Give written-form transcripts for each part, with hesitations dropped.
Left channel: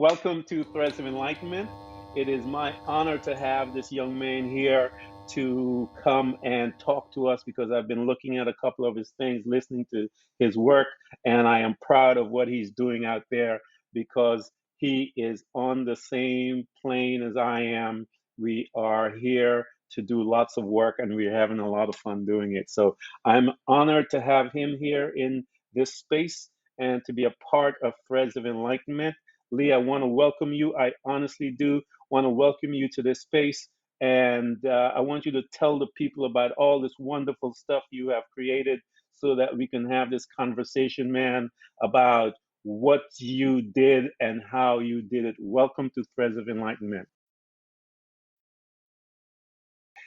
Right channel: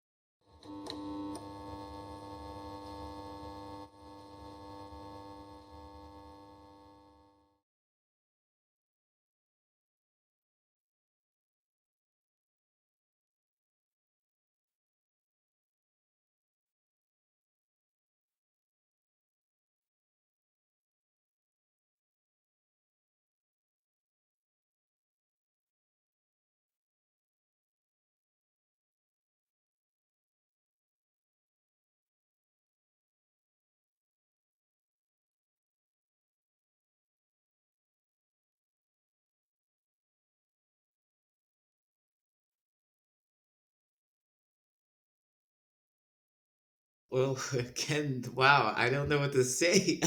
Welcome to Threads of Enlightenment. It is my honor to have this young man here to come and talk to us because I've been looking at a couple of his things, listening to his work, and I am proud of what he's doing out there because he is on the same plane as I am. We are here to do lots of work and we're having a lot of fun doing it. So I'm honored to have him here in this space and to be a part of Threads of Enlightenment. Lee, I want to welcome you. I honestly do want to welcome you to this space. And I want you to tell the people about all this wonderful stuff you have created so that we can have this conversation, man, about what you did and how you did it. Welcome to Threads of Enlightenment. Well, Ken, wow, I don't know what to say.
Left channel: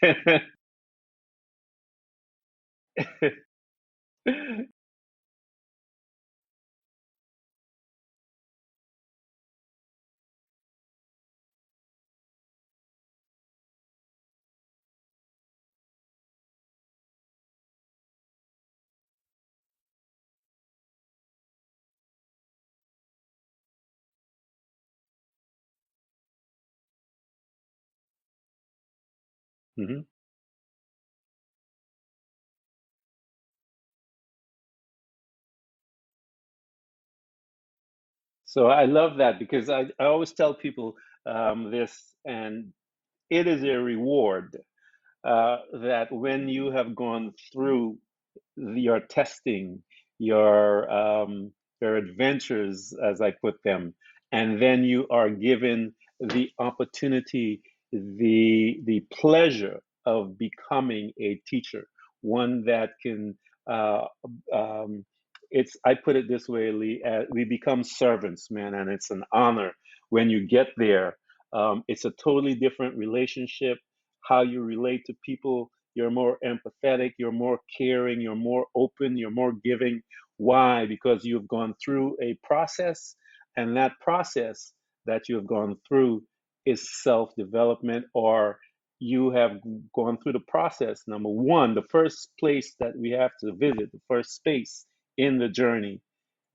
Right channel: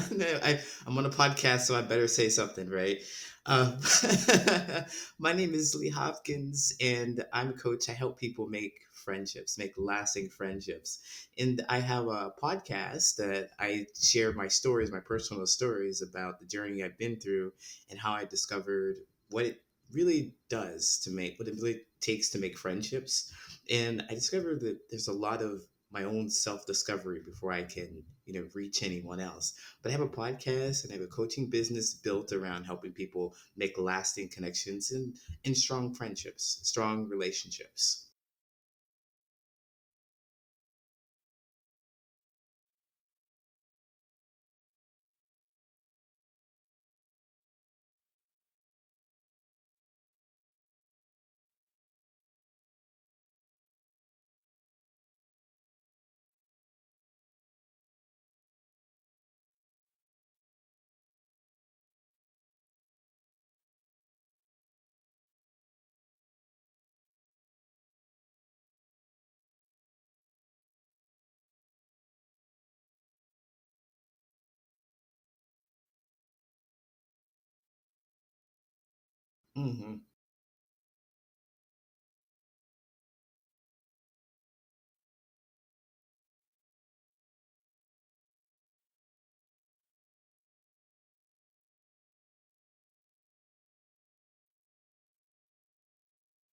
I'm on a podcast, so I better say something, right? Um, my name is Lee Hopkins, and I'm a coach. I help people make friendships, make lasting friendships. And I have a podcast that I share my stories, my personal stories about the journey I've been through and how I discovered what it really does to make, what it really takes to make friendships. And I discovered that there's a lot of my own self discovery before I can, reach anyone else. But I Mhm. have a podcast and I have a coaching business built around helping people make lasting connections and strong friendships, strong relationships. So I love that because I always tell people this, and it is a reward that when you have gone through your testing, your um, your adventures, as I put them, and then you are given the opportunity, the pleasure of becoming a teacher, one that can. Uh, um, it's I put it this way, Lee. We become servants, man, and it's an honor when you get there. It's a totally different relationship. How you relate to people, you're more empathetic, you're more caring, you're more open, you're more giving. Hmm. Why? Because you've gone through a process, and that process that you have gone through is self development, or you have gone through the process. Number one, the first place that we have to visit, the first space in the journey,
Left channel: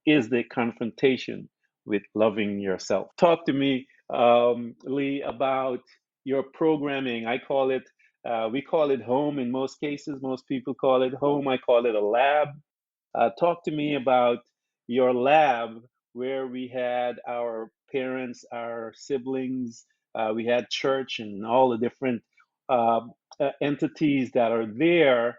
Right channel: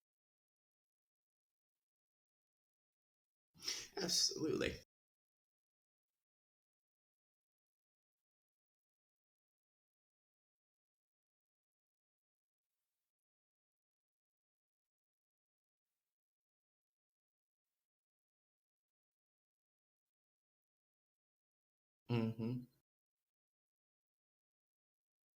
is the confrontation with loving yourself. Talk to me, Absolutely. Lee, about your programming. We call it home in most cases. Most people call it home. I call it a lab. Talk to me about your lab where we had our parents, our siblings, we had church and all the different Hmm. uh, entities that are there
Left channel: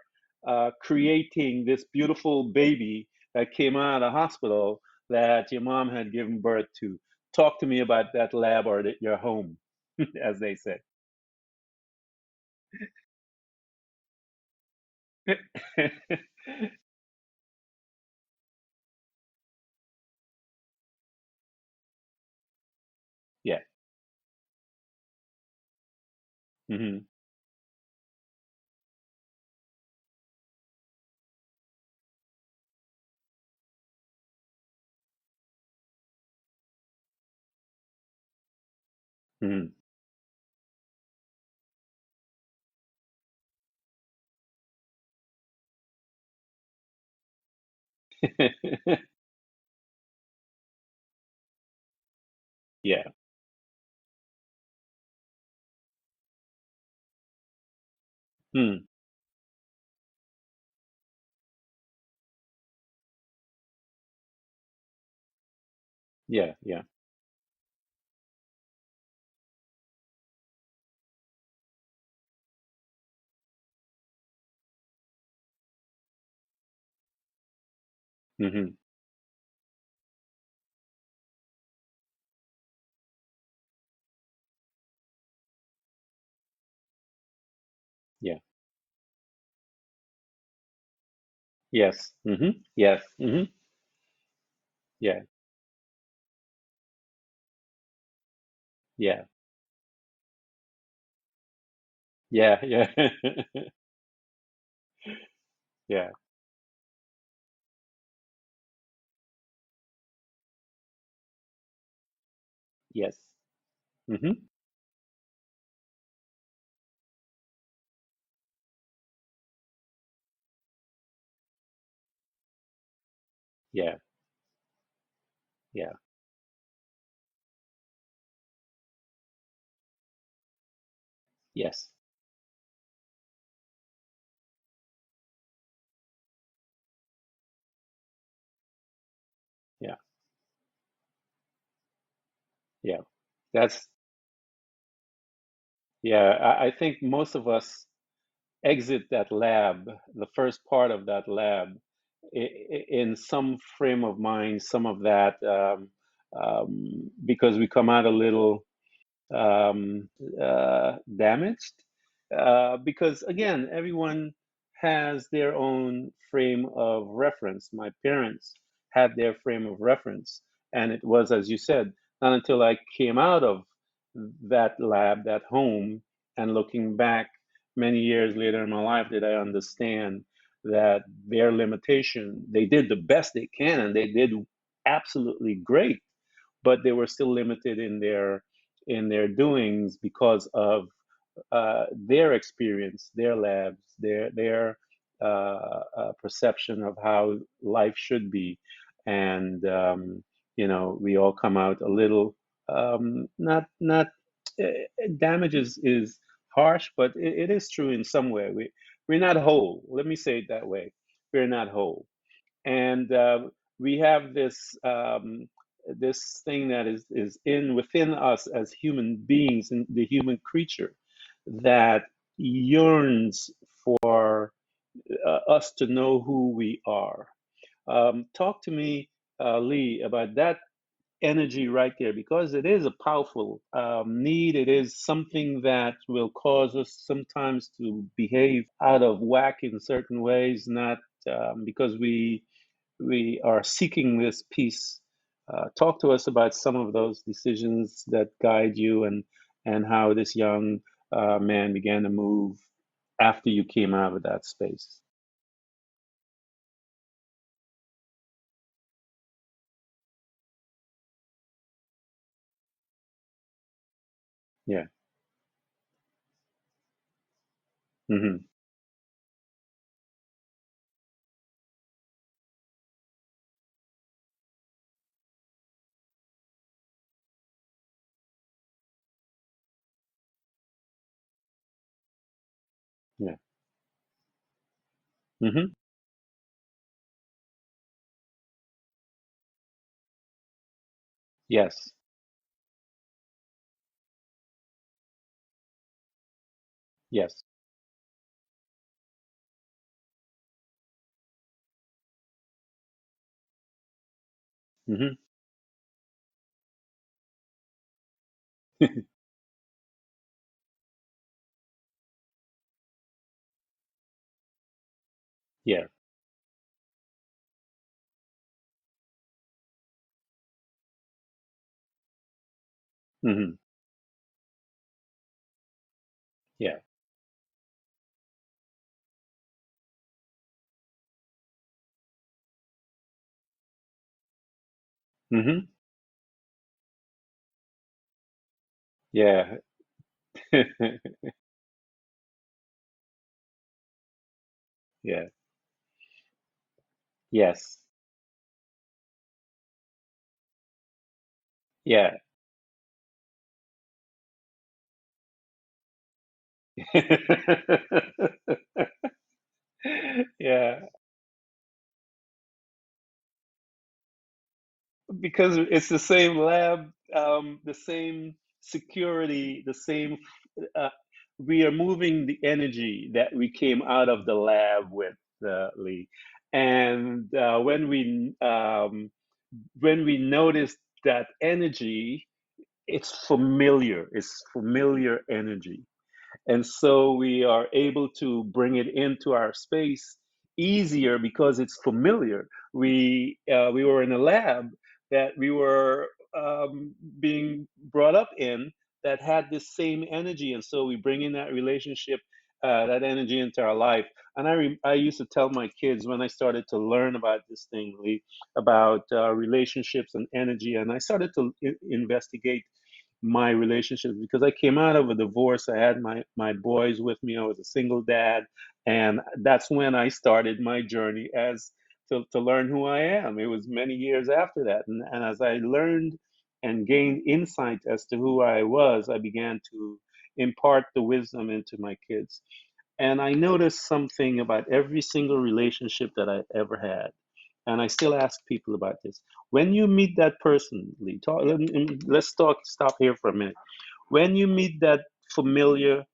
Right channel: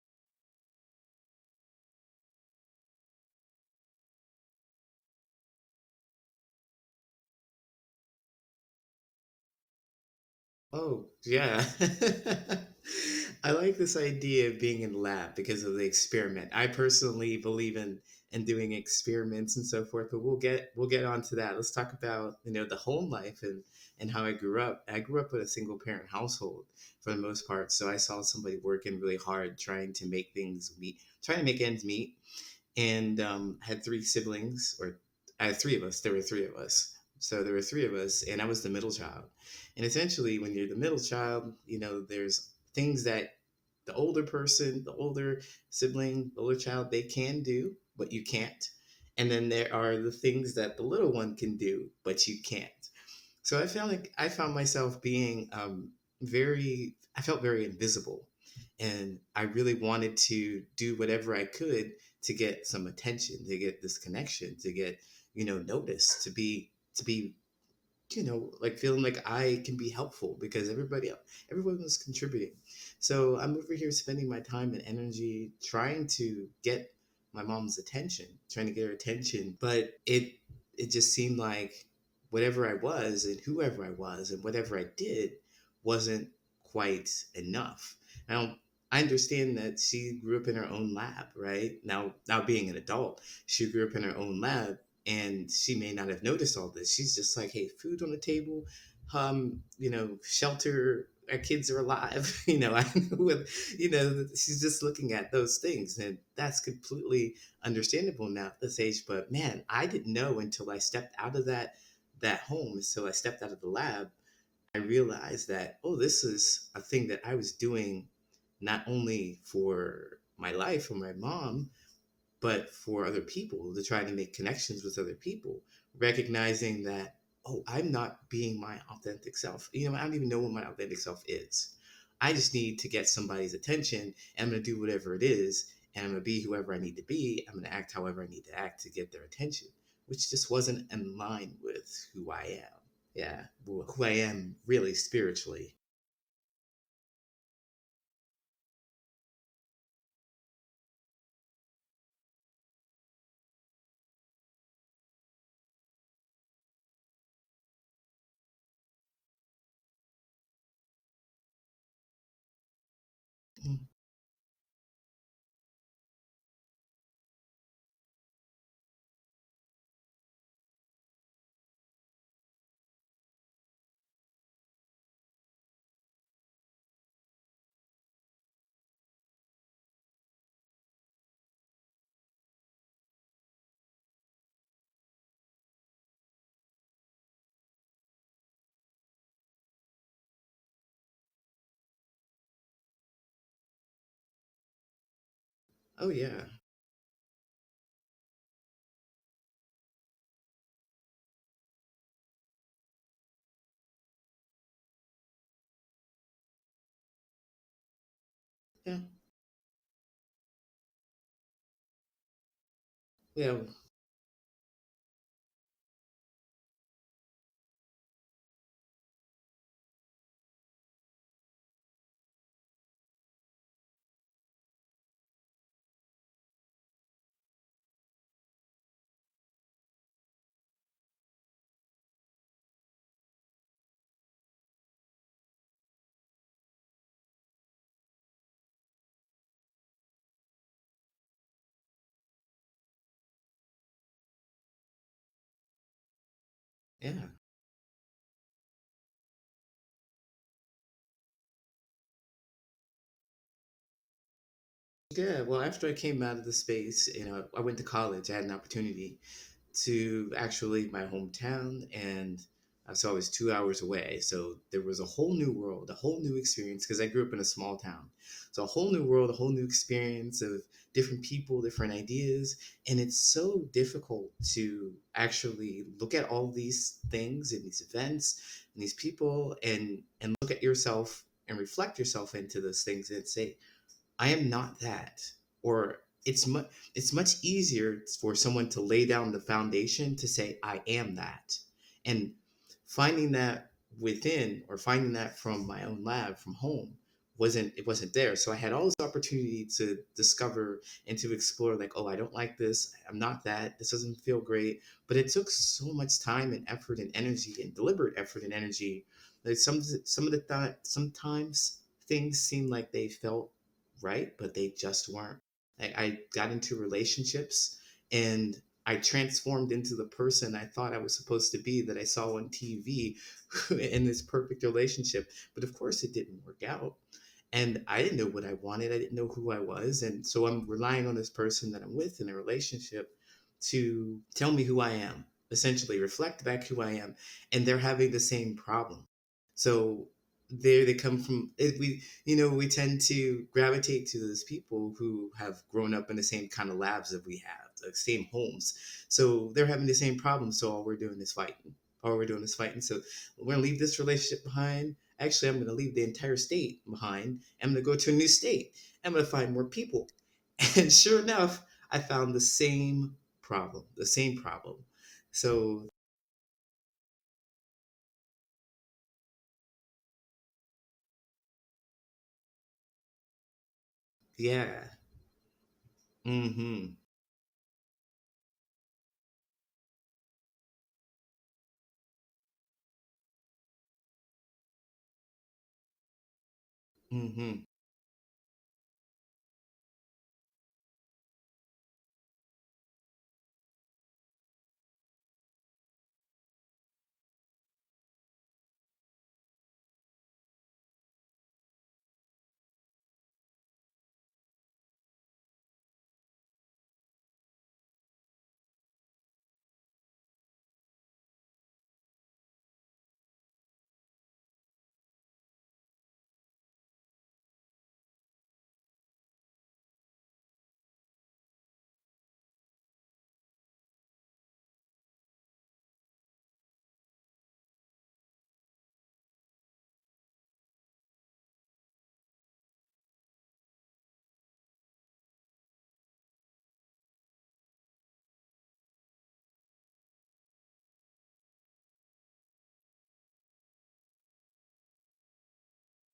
creating this beautiful baby that came out of the hospital that your mom had given birth to. Talk to me about that lab or your home, as they say. Oh, yeah. I like this idea of being in lab because of the experiment. I personally believe in doing experiments and so forth, but we'll get onto that. Let's talk about, the home life Yeah. and how I grew up. I grew up in a single parent household Hmm. for the most part, so I saw somebody working really hard trying to make things meet, trying to make ends meet, and had three siblings, or I had three of us. There were three of us. So there were three of us, and I was the middle child. Hmm. And essentially, when you're the middle child, there's things that the older person, the older sibling, the older child, they can do, but you can't. And then there are the things that the little one can do, but you can't. Yeah. So I found myself being I felt very invisible. Hmm. And I really wanted to do whatever I could to get some attention, to get this connection, to get, noticed, to Yeah. be, Yeah. to be, like feeling like I can be helpful because everyone was contributing. So I'm over here spending my time and energy trying to get my mom's attention, trying to Hmm. get her attention, but it just seemed like whatever I was and whoever I was and whatever I did wasn't quite enough. Yeah. Now I understand that she grew up in her own lab, right? Yes. Now Hmm. being an Yes. adult, Hmm. she grew up in her own lab, Yeah. and she may not have noticed all this. She's just like, hey, food on the table, Yeah. shelter, our kids are alive, Yeah. Yeah. she's just looking at those things, Yeah. and that's completely understandable now at this age. But man, I didn't know until I stepped out of that home, until I Yes. stepped out of the lab. Hmm. I realized that, oh, this is a thing that I was doing not only for my life, for my mom, but for other people, to Yeah. try to make connections with other people, Yeah. recognizing that. oh, I'm not being my authentic self. I don't even know what my authentic self is. Yes. I just need to get somebody's attention, and I'm going to do whatever it is, and I'm going to be whoever I need to be. I'm going to act however I need to act to get their attention, Yeah. which just wasn't in line with who I am. Yeah. Yeah, That's who I am really spiritually. yeah. I think most of us exit that lab, the first part of that lab, in some frame of mind, some of that, because we come out a little damaged. Because again, Yeah. everyone has their own frame of reference. My parents had their frame of reference. And it was, as you said, not until I came out of that lab, that home, and looking back many years later in my life, did I understand that their limitation, they did the best they can and they did absolutely great, but they were still limited in their doings because of their experience, their labs, their Oh yeah. perception of how life should be, and we all come out a little not damage is harsh, but it is true in some way. Yeah. We're not whole. Let me say it that way. We're not whole, and Yeah. we have this thing that is in within us as human beings and the human creature that yearns for us to know who we are. Talk to me, Lee, about that energy right there, because it is a powerful need. It is something that will cause us sometimes to behave out of whack in certain ways, not because we are seeking this peace. Talk to us about some of those Yeah. decisions that guide you, and how this young man began to move after you came out of that space. Yeah. Well, after I came out of the space, I went to college. I had an opportunity to actually my hometown, and so I was 2 hours away. So there Yeah. was a whole new world, a whole new experience because I grew up in a small town. Hmm. So a whole new world, a whole new experience of different people, different ideas, and it's so difficult to actually look at all these things and these events and these people and look at yourself and reflect yourself into those things and Yeah. say, I am not that. Hmm. Or it's much easier for someone to lay down the foundation to say I am that. Yes. And finding that within or finding that from my own lab from home Yes. wasn't there. So I had all this opportunity to discover and to explore like, oh, I don't like this. I'm not that. This doesn't feel great. Hmm. But it took so much time and effort and energy and deliberate effort and energy. Like some of the sometimes things seem like they felt right, but they just weren't. Yeah. I got into relationships and I transformed into the person I thought I was supposed to be that I saw on TV Hmm. in this perfect relationship. But of course, it didn't work Yeah. out. And I didn't know what I wanted. I didn't know who I was. And so I'm relying on this person that I'm with in a relationship to tell me who I am, Hmm. essentially reflect back who I am. And they're having the same problem. Yeah. So they come from we tend to gravitate to those people Yeah. who have grown up in the same kind of labs that we have, Yes. the same homes. So they're having the same problem. So all we're doing is fighting. Yeah. All we're doing is fighting. So we're gonna leave this relationship behind. Actually, I'm gonna leave the entire state behind. I'm gonna go to a new state. I'm gonna find more people. Yeah. And sure enough, I found the same problem. The same problem. Because So it's the same lab, the same security, the same. Uh, we are moving the energy that we came out of the yeah. lab with, Lee. Mm-hmm. And when we notice that energy, it's familiar. It's familiar energy, and so we Mm-hmm. are able to bring it into our space easier because it's familiar. We were in a lab that we were being brought up in that had this same energy, and so we bring in that relationship, that energy into our life. And I used to tell my kids when I started to learn about this thing, Lee, about relationships and energy, and I started to investigate my relationships because I came out of a divorce. I had my boys with me. I was a single dad, and that's when I started my journey as to learn who I am. It was many years after that, and as I learned and gained insight as to who I was, I began to impart the wisdom into my kids. And I noticed something about every single relationship that I ever had. And I still ask people about this. When you meet that person, Lee, let's talk, stop here for a minute. When you meet that familiar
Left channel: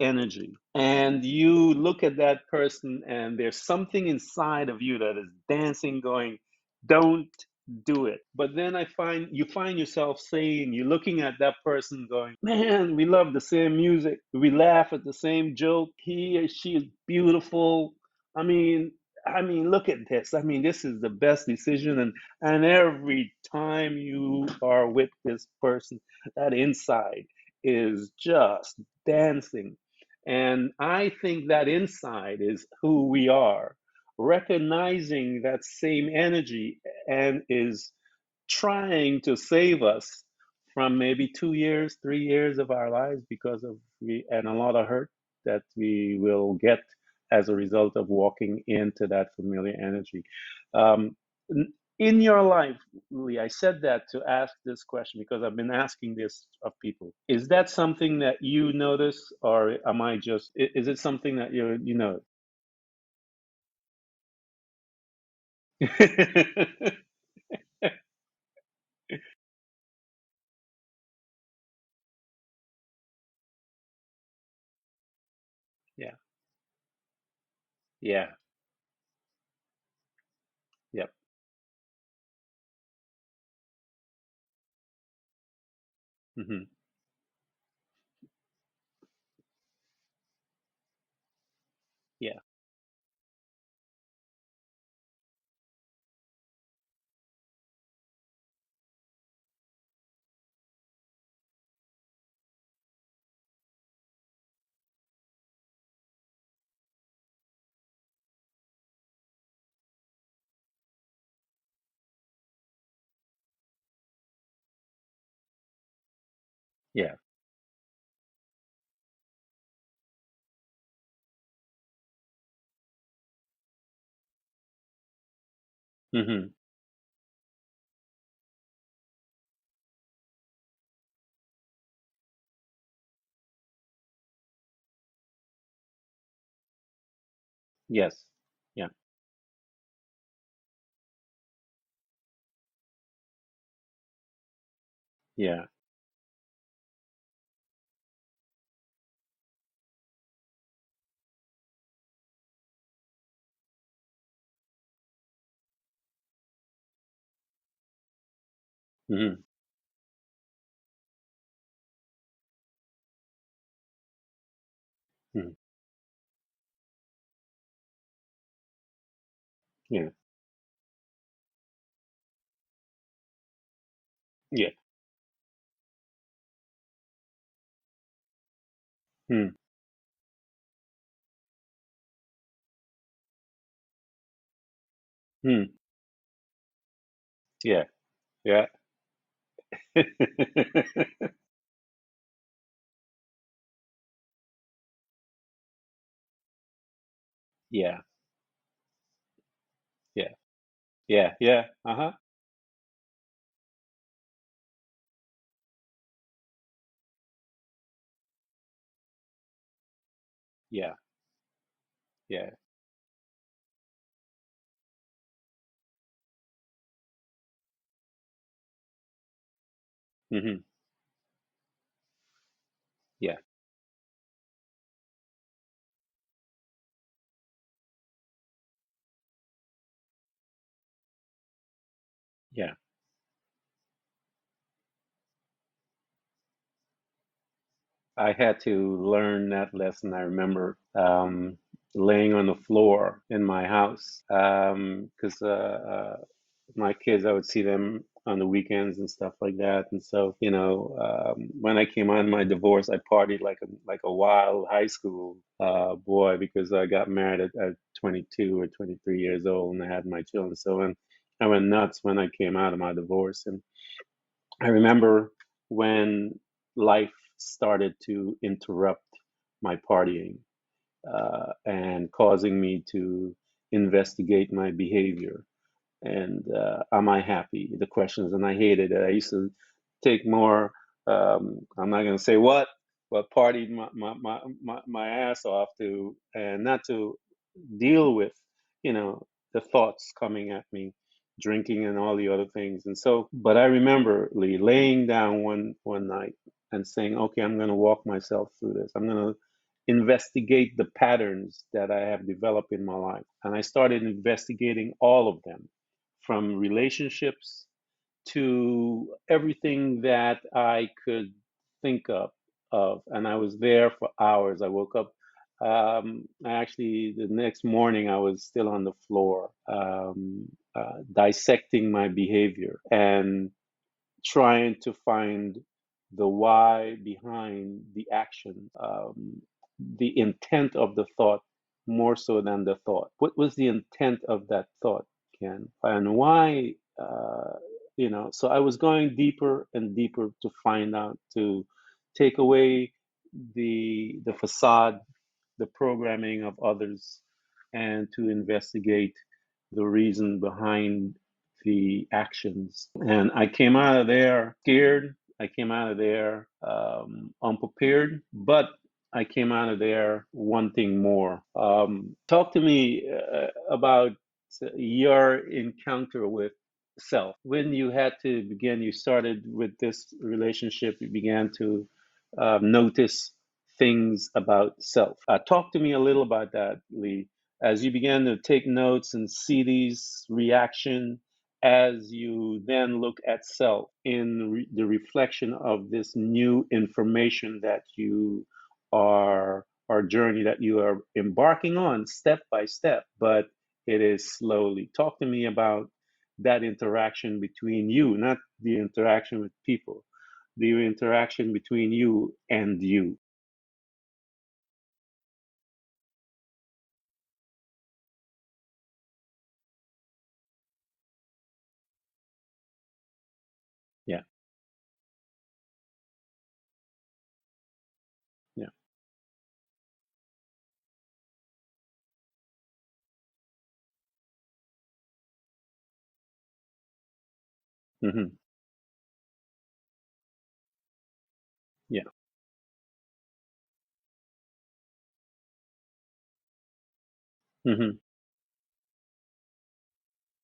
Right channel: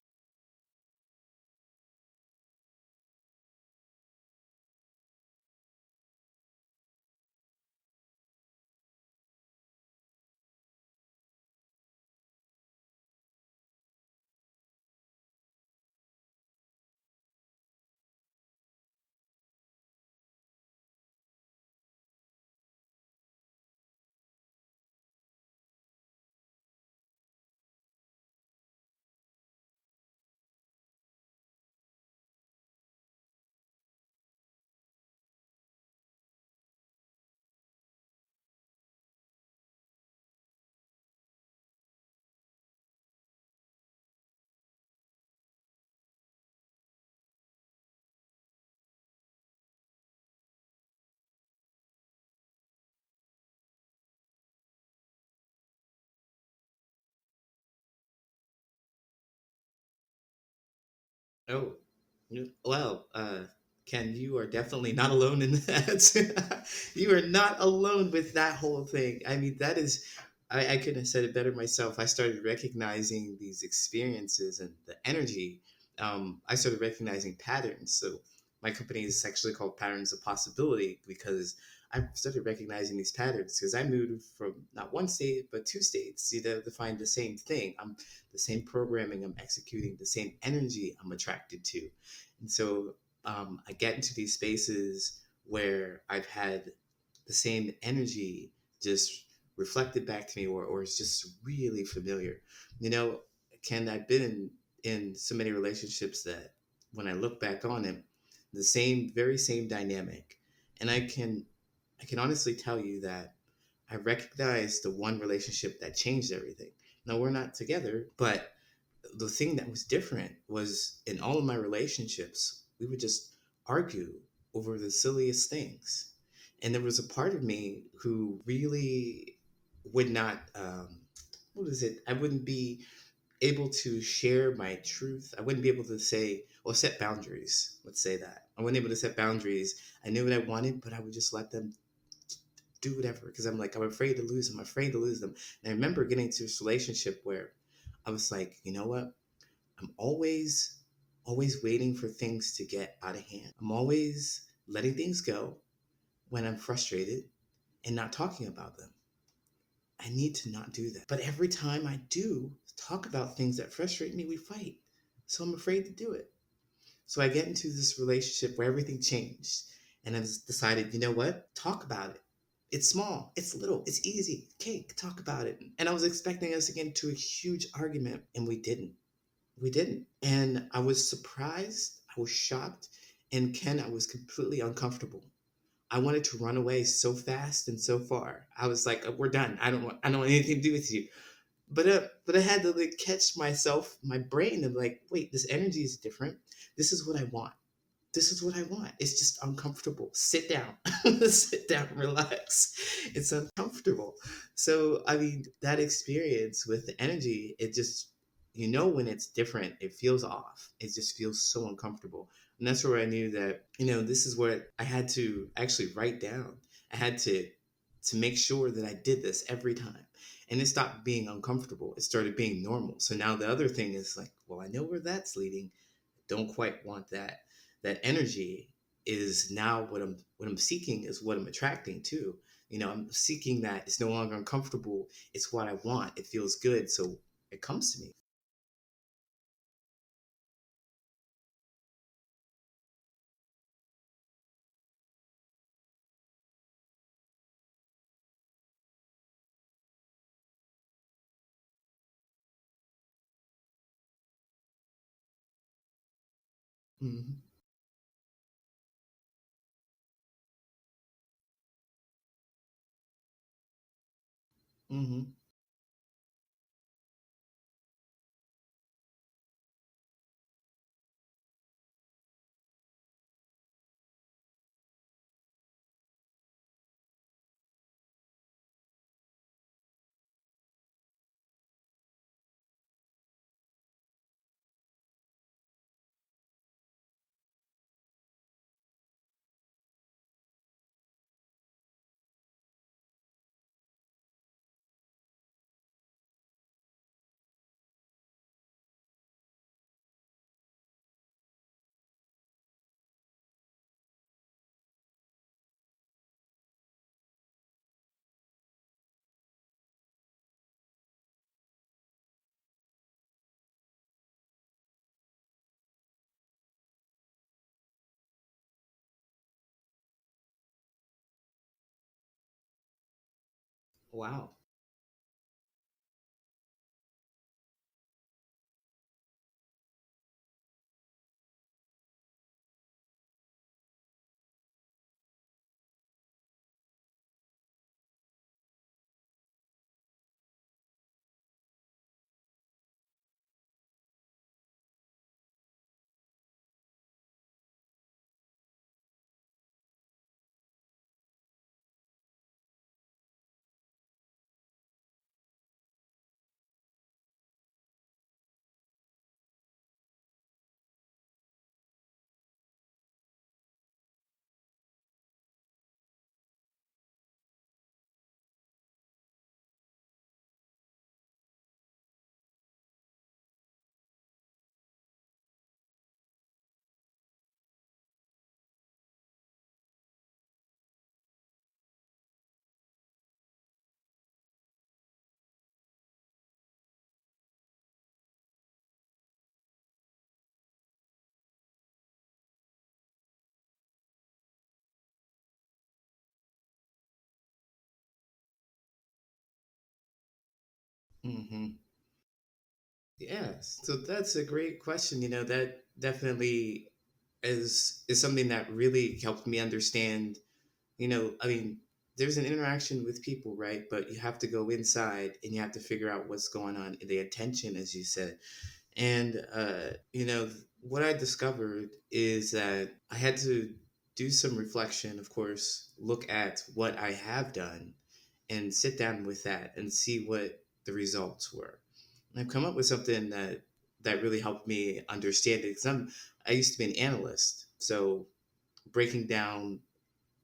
energy and you look at that person and there's something inside of you that is dancing, going, don't do it. But then you find yourself saying, you're looking at that person going, man, we love the same music, we laugh at the same joke, he or she is beautiful. i mean I mean, look at this. I mean, this is the best decision. And every time you are with this person, that inside is just dancing. And I think that inside is who we are, recognizing that same energy and is trying to save us from maybe 2 years, 3 years of our lives because of and a lot of hurt that we will get as a result of walking into that familiar energy. Um, in your life, Lee, I said that to ask this question because I've been asking this of people. Is that something that you notice, or am I just? Is it something that Oh, you know? well, Ken, you are definitely not alone in that. You are not alone with that whole thing. I mean, that is, I couldn't have said it better myself. I started recognizing these experiences and the energy. Yeah, I started recognizing patterns. So yeah, my company is actually called Patterns of Possibility yeah. because I started recognizing these patterns because I moved from not one state but two states Hmm. to find the same thing. I'm the same programming I'm executing, the same energy I'm attracted to. Yeah. And so I get into these spaces where I've had the same energy just reflected back to me, or it's just really familiar. You know, Ken, I've been in so many relationships that when I look back on it, the same, very same dynamic. And I can honestly tell you that I recognize the one relationship that changed everything. Yeah. Now we're not together, but the thing that was different was in all of my relationships, we would just argue over the silliest things. Hmm. And there was a part of me who really would not, what is it? I wouldn't be able to share my truth. I wouldn't be able to say, or set boundaries. Let's say Yes. that. I wasn't Yeah. able to set boundaries. I knew what I wanted, but I would just let them do whatever because I'm like, I'm afraid to lose them. I'm afraid to lose them. Yeah. And I remember getting to this relationship where I was like, you know what? I'm always waiting for things to get out of hand. I'm always letting things go when I'm frustrated and not talking about them. Hmm. I need to not do that. But every time I do talk about things that frustrate me, we fight. So Hmm. I'm afraid to do it. So I get into this relationship where everything changed. Yeah. And I've decided, you know what? Talk about it. It's small, it's little, it's easy. Yeah. Okay, talk about it. And I was expecting us to get into a huge argument, and we didn't. Hmm. We didn't. And I was surprised. I was shocked. And Ken, I was completely uncomfortable. Hmm. I wanted to run away so fast and Yeah. so far. I Yeah. was like, "We're done. I don't want anything to do with you." But I had to like catch myself, my brain, and like, wait, this energy is different. This is what I want. Yeah. This is what I want. It's just uncomfortable. Yeah. Sit down. Yeah. Yeah. Sit down, Uh-huh. relax. It's uncomfortable. So, I mean, that experience with the energy, it just, when it's different, it feels off. It Yeah. just feels so uncomfortable. Yeah. And that's where I knew that, this is what I had to actually write down. I had to make sure that I did this every time. Hmm. And it stopped being uncomfortable. It started being normal. So now Yeah. the other thing is like, well, I know where that's leading. Don't quite want that. That energy is now what I'm seeking is what I'm attracting to. Yeah. I'm seeking that. It's no longer uncomfortable. It's what I want. It feels good. So it comes to me. I had to learn that lesson. I remember laying on the floor in my house because my kids, I would see them on the weekends and stuff like that. And so, when I came on my divorce, I partied like a wild high school boy because I got Hmm. married at 22 or 23 years old and I had my children. So I went nuts when I came out of my divorce. And I remember Hmm. when life started to interrupt my partying and causing me to investigate my behavior and am I happy? The questions, and I hated it. I used to take more. I'm not going to say what, but partied my ass off to, and not to deal with, you know, the thoughts coming at me, drinking and all the other things. And so, but I remember Lee laying down one night and saying, okay, I'm going to walk myself through this. I'm going to investigate the patterns that I have developed in my life. And I started investigating all of them, from relationships to everything that I could think of. And I was there for hours. I woke up. Actually, the next morning, I was still on the floor, dissecting my behavior and Wow. trying to find the why behind the action, the intent of the thought more so than the thought. What was the intent of that thought, Ken? And why, so I was going deeper and deeper to find out, to take away the facade, the programming of others, and to investigate the reason behind the actions. And I came out of there scared. I came out of there unprepared, but I came out of there wanting more. Talk to me about your encounter with self. When you had to begin, you started with this relationship, you began to notice things about self. Talk to me a little about that, Lee, as you began to take notes and see these reaction as you then look at self in the reflection of this new information that you are, or journey that you are embarking on step by step, but it is slowly. Talk to me about that interaction between you, not the interaction with people, the interaction Hmm. between you and you. Yes. So that's a great question. That definitely is something that really helped me understand. I mean, there's an interaction with people, right? But you Yeah, have to go inside and you have to figure out what's going on, the attention, as you said. yeah. And what I discovered is that I had to do some reflection, of course, look at what I have done Hmm. and sit down with that and see what the results were. Yeah. And I've come up with something that really helped me understand it, because I used to be an analyst, Hmm. so breaking down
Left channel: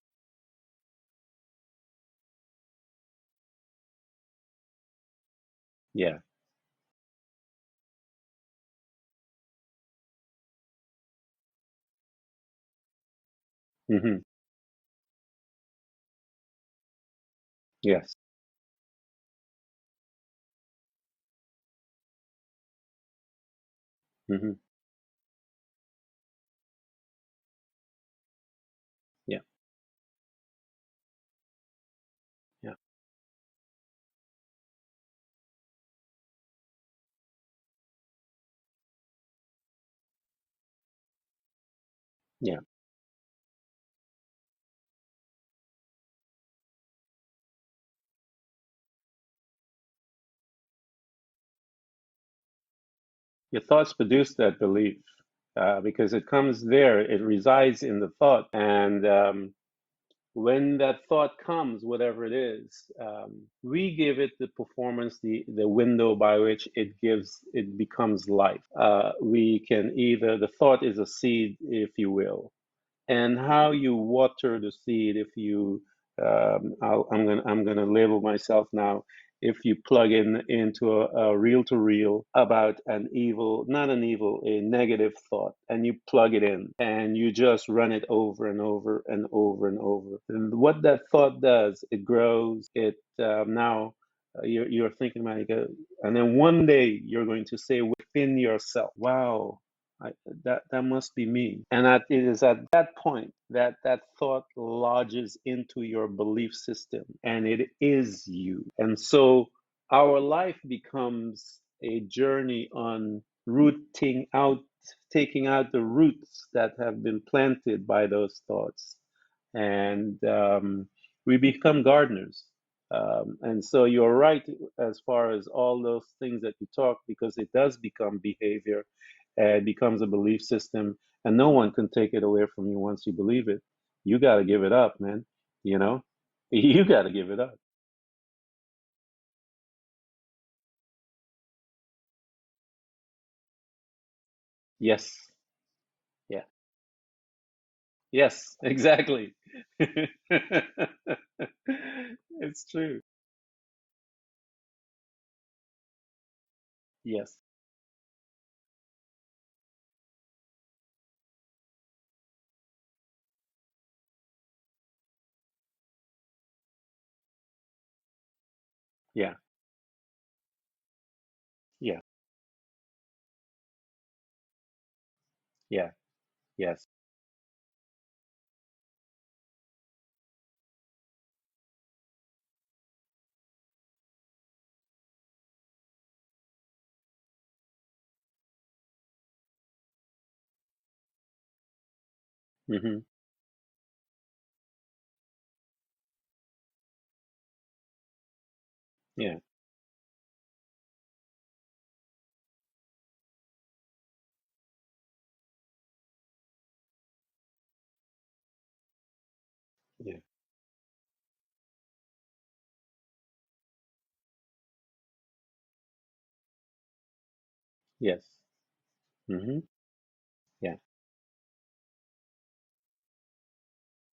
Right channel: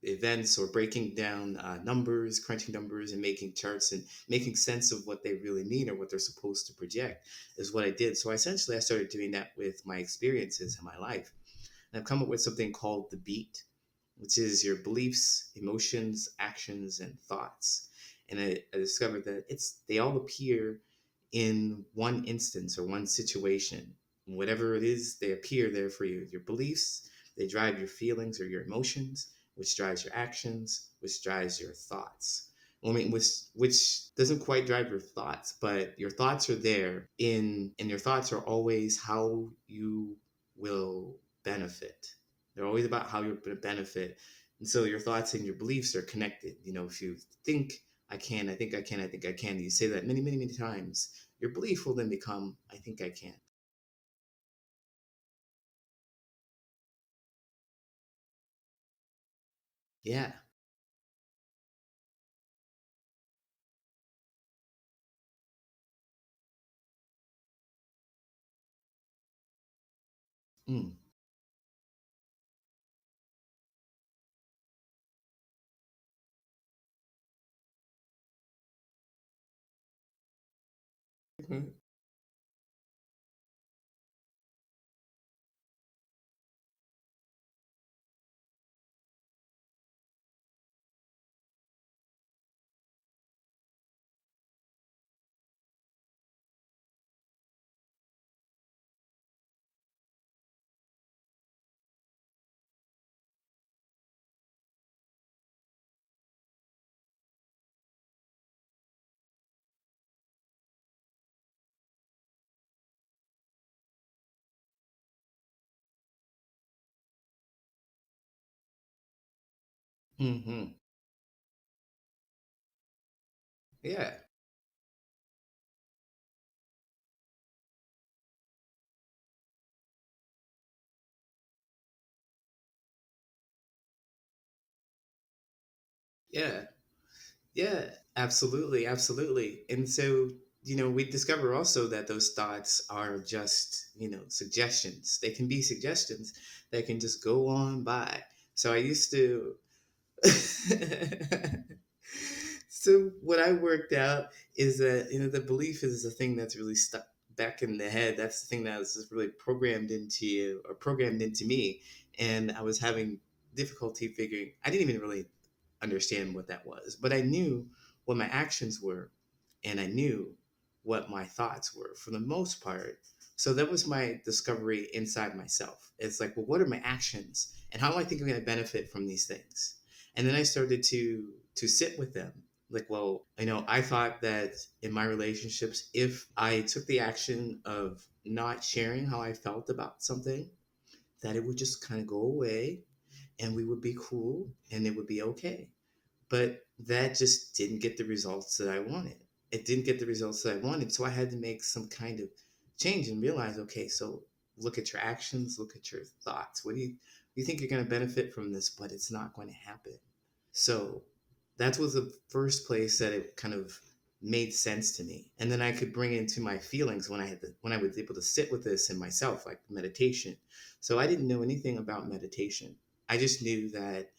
events or breaking down numbers, crunching numbers, and making charts and making sense of what they really mean or what Yeah. they're supposed to project is what I did. So essentially, I started doing that with my experiences in my life. And I've come up with something called the beat, Hmm. which is your beliefs, emotions, actions, and thoughts. Yes. And I discovered that they all appear in one instance or one situation. Hmm. Whatever it is, they appear there for you. Your beliefs, they drive your feelings or your emotions, Yeah. which drives your actions, which drives your thoughts. Yeah. I mean, which doesn't quite drive your thoughts, but your thoughts are there and your thoughts are always how you will benefit. Yeah. They're always about how you're going to benefit. And so your thoughts and your beliefs are connected. If you think, I can, I think I can, I think I can, you say that many, many, many times, your belief will then become, I think I can. Your thoughts produce that belief, because it comes there, it resides in the thought. And Yeah. when that thought comes, whatever it is, we give it the performance, the window by which it becomes life. We can either, the thought Mm. is a seed, if you will, and how you water the seed. If you I'm gonna label myself now, if you plug in into a reel Okay. to reel about an evil, not an evil, a negative thought, and you plug it in and you just run it over and over and over and over, and what that thought does, it grows, it now you're thinking about it, and then one day you're going to say within yourself, wow, I, that must be me. And it is at that point that that thought lodges into your belief system, and it is you. And so our life becomes a journey on rooting out, taking out the roots that have been planted by those thoughts, and Mm-hmm. we become gardeners. And so you're Yeah. right as far as all those things that you talk, because it does become behavior, it becomes a belief system, and no one can take it away from you once you believe it. You got to give it up, man. You know, Yeah. you got to give it up. Yeah. Absolutely, absolutely. And so, we discover also that those thoughts are just, suggestions. Yes. They can be suggestions Yeah. that can just go on by. Yes, So I used exactly. to It's true. So what I worked out is that the belief is the thing that's really stuck Yes. back in the head. That's the thing that was just really programmed into you or programmed into me, and I was having difficulty figuring. I didn't even really understand what that was, but I knew what my actions were, Yeah. and I knew what my thoughts were Yeah. for the most part. So that was my discovery inside myself. Yeah. It's like, well, what are my Yes. actions, and how do I think I'm going to benefit from these things? And then I started to sit with them. Like, well, I thought that in my relationships, if I took the action of not sharing how I felt about something, that it would just kind of go away Hmm. and we would be cool and it would be okay. But that just didn't get the results that I wanted. Yeah. It didn't get the results that I wanted. So I had to make some kind of change and realize, okay, so look at your actions, look at your thoughts. What do you think you're going to benefit from this, but it's not going to happen. Yeah. So that was the first place that it kind of made sense to me. And then I could bring into my feelings when I was able to Yes. sit with this in myself, like Hmm. meditation. Yeah. So I didn't know anything about meditation. I just knew that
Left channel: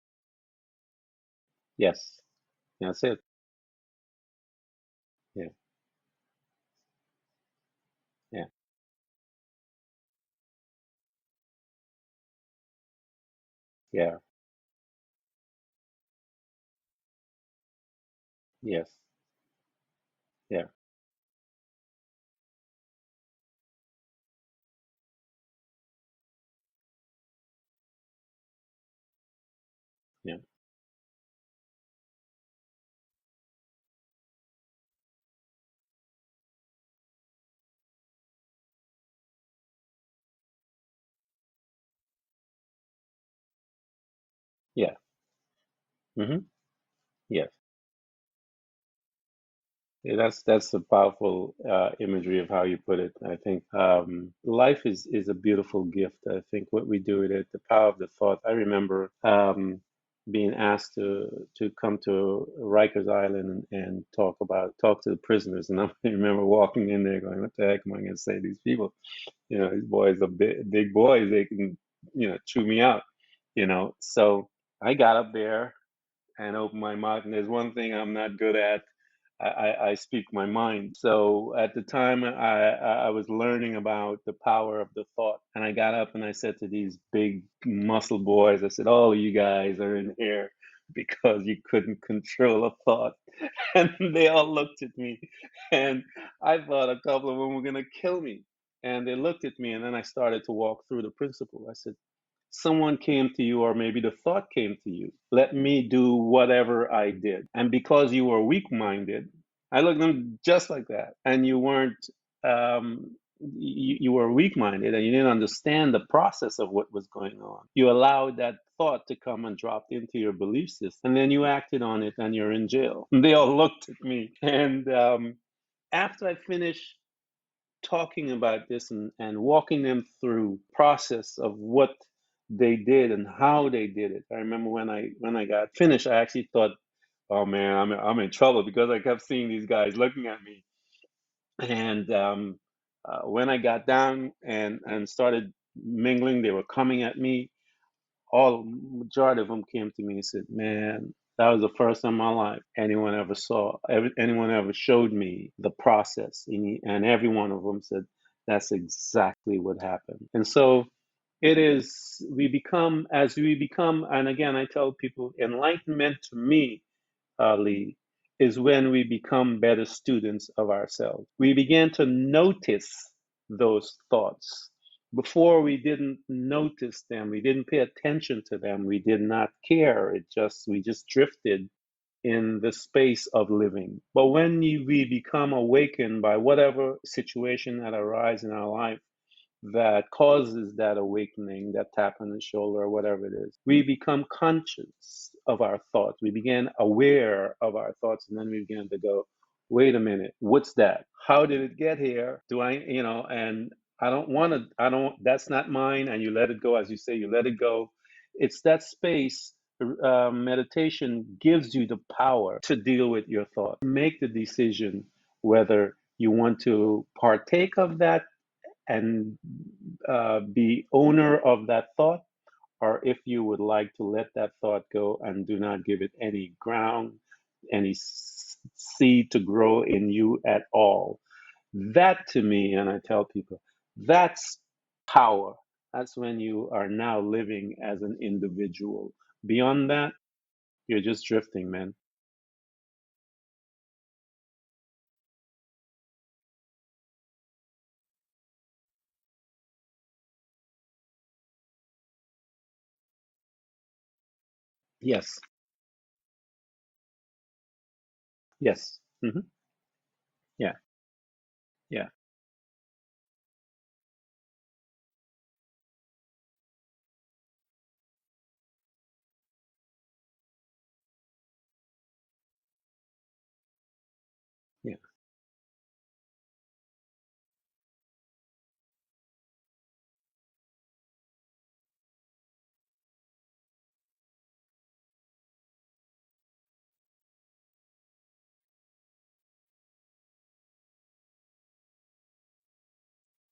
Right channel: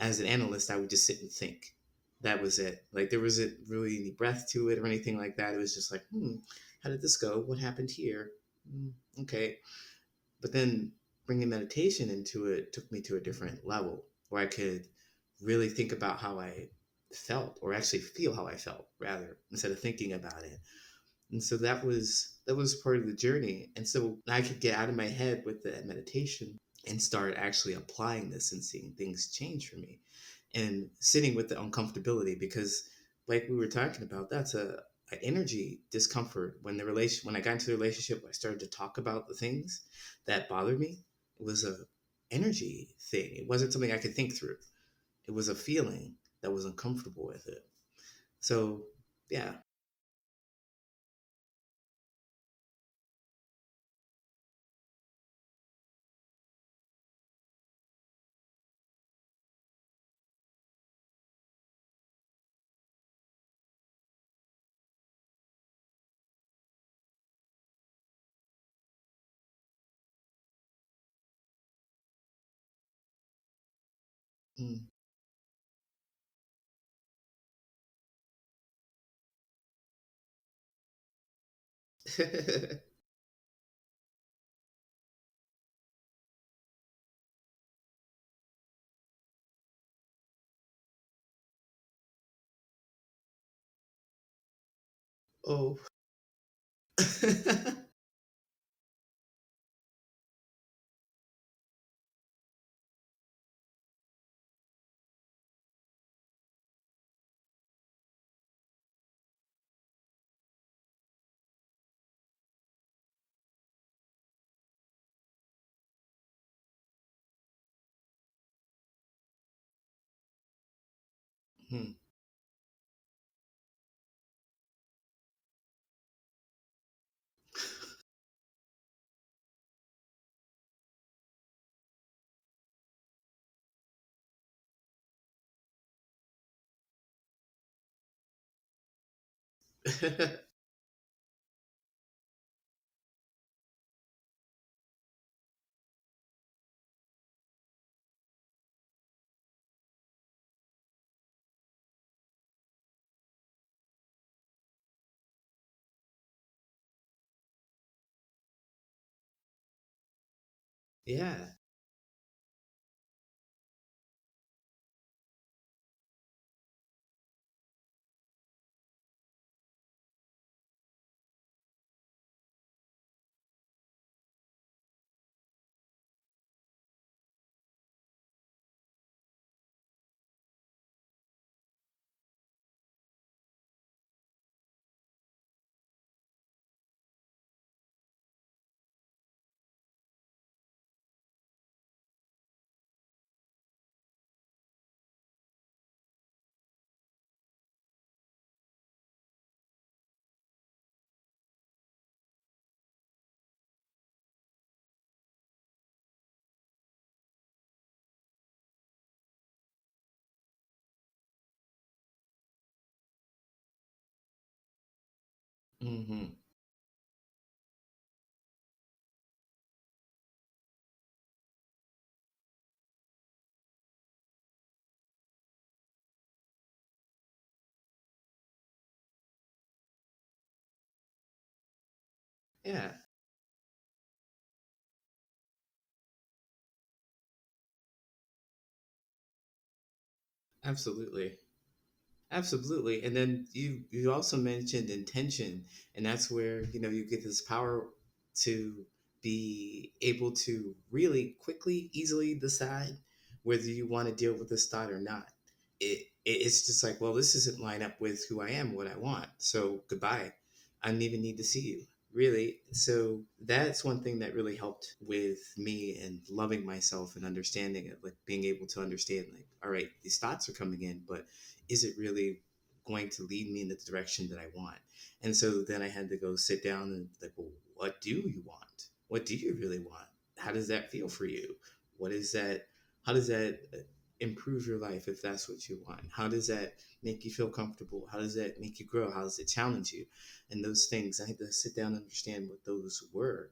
as an analyst, I would just sit and think. Yes. That was it. That's Like it. there wasn't really any breath to it or anything like Yeah. that. It was just like, how did this go? What happened here? Yeah. Okay. But then bringing meditation into it took me to a different level Yeah. where I could really think about how I felt, or actually feel how I felt, Yes. rather, instead of thinking about it. Yeah. And so that was part of the journey. And so I could get out of my head with the meditation and start actually applying this and seeing things change for me Yeah. and sitting with the uncomfortability, because like we were talking about, that's a energy discomfort. When I got into the relationship, I started to talk about the things that bothered me. It was a energy thing. It wasn't something I could think through. Yeah. It was a feeling Hmm. that was uncomfortable with Yeah. it. So yeah. Yeah, that's a powerful imagery of how you put it. I think life is a beautiful gift. I think what we do with it, the power of the thought. I remember being asked to come to Rikers Island and talk to the prisoners, and I remember walking in there going, "What the heck am I going to say to these people? These boys are big boys. They can chew me out." So Mm. I got up there and open my mouth. And there's one thing I'm not good at. I speak my mind. So at the time, I was learning about the power of the thought. And I got up and I said to these big muscle boys, I said, "Oh, you guys are in here because you couldn't control a thought." And they all looked at me. Oh. And I thought a couple of them were going to kill me. And they looked at me. And then I started to walk through the principle. I said, someone came to you, or maybe the thought came to you, let me do whatever I did. And because you were weak minded, I looked at them just like that. And you weren't, you were weak minded and you didn't understand the process of what was going on. You allowed that thought to come and drop into your belief system. And then you acted Mm. on it and you're in jail. And they all looked at me. And after I finished talking about this and walking them through process of what they did and how they did it. I remember when I got finished, I actually thought, "Oh man, I'm in trouble," because I kept seeing these guys looking at me. And when I got down and started mingling, they were coming at me. All majority of them came to me and said, "Man, that was the first time in my life anyone ever showed me the process." And every one of them said, "That's exactly what happened." And so Yeah. it is, as we become, and again, I tell people, enlightenment to me, Lee, is when we become better students of ourselves. We begin to notice those thoughts. Before, we didn't notice them, we didn't pay attention to them, we did not care. We just drifted in the space of living. But when we become awakened by whatever situation that arises in our life, that causes that awakening, that tap on the shoulder, or whatever it is. We become conscious of our thoughts. We begin aware of our thoughts, and then we begin to go, wait a minute, what's that? How did it get here? And I don't, that's not mine. And you let it go, as you say, you let it go. It's that space meditation gives you the power to deal with your thoughts, make the decision whether you Mm-hmm. want to partake of that and be owner of that thought, or if you would like to let that thought go and do not give it any ground, any seed to grow in you at all. That to me, and Yeah, I tell people, that's power. That's when you are now living as an individual. Beyond that, you're just absolutely. drifting, man. Absolutely. And then you also mentioned intention, and that's where, you get this power to be able to really quickly, easily decide whether you want to deal with this thought or not. Yes, It's just like, well, this doesn't line up with who I am and what I yes, want. hmm, So goodbye. yeah, I don't even need to see you. yeah, Really. So that's one thing that really helped with me and loving myself and understanding it, like being able to understand, like, all right, these thoughts are coming in, but is it really going to lead me in the direction that I want? yeah, And so then I had to go sit down and like, well, what do you want? What do you really want? How does that feel for you? What is that? How does that improve your life if that's what you want? How does that make you feel comfortable? How does that make you grow? How does it challenge you? And those things, I had to sit down and understand what those were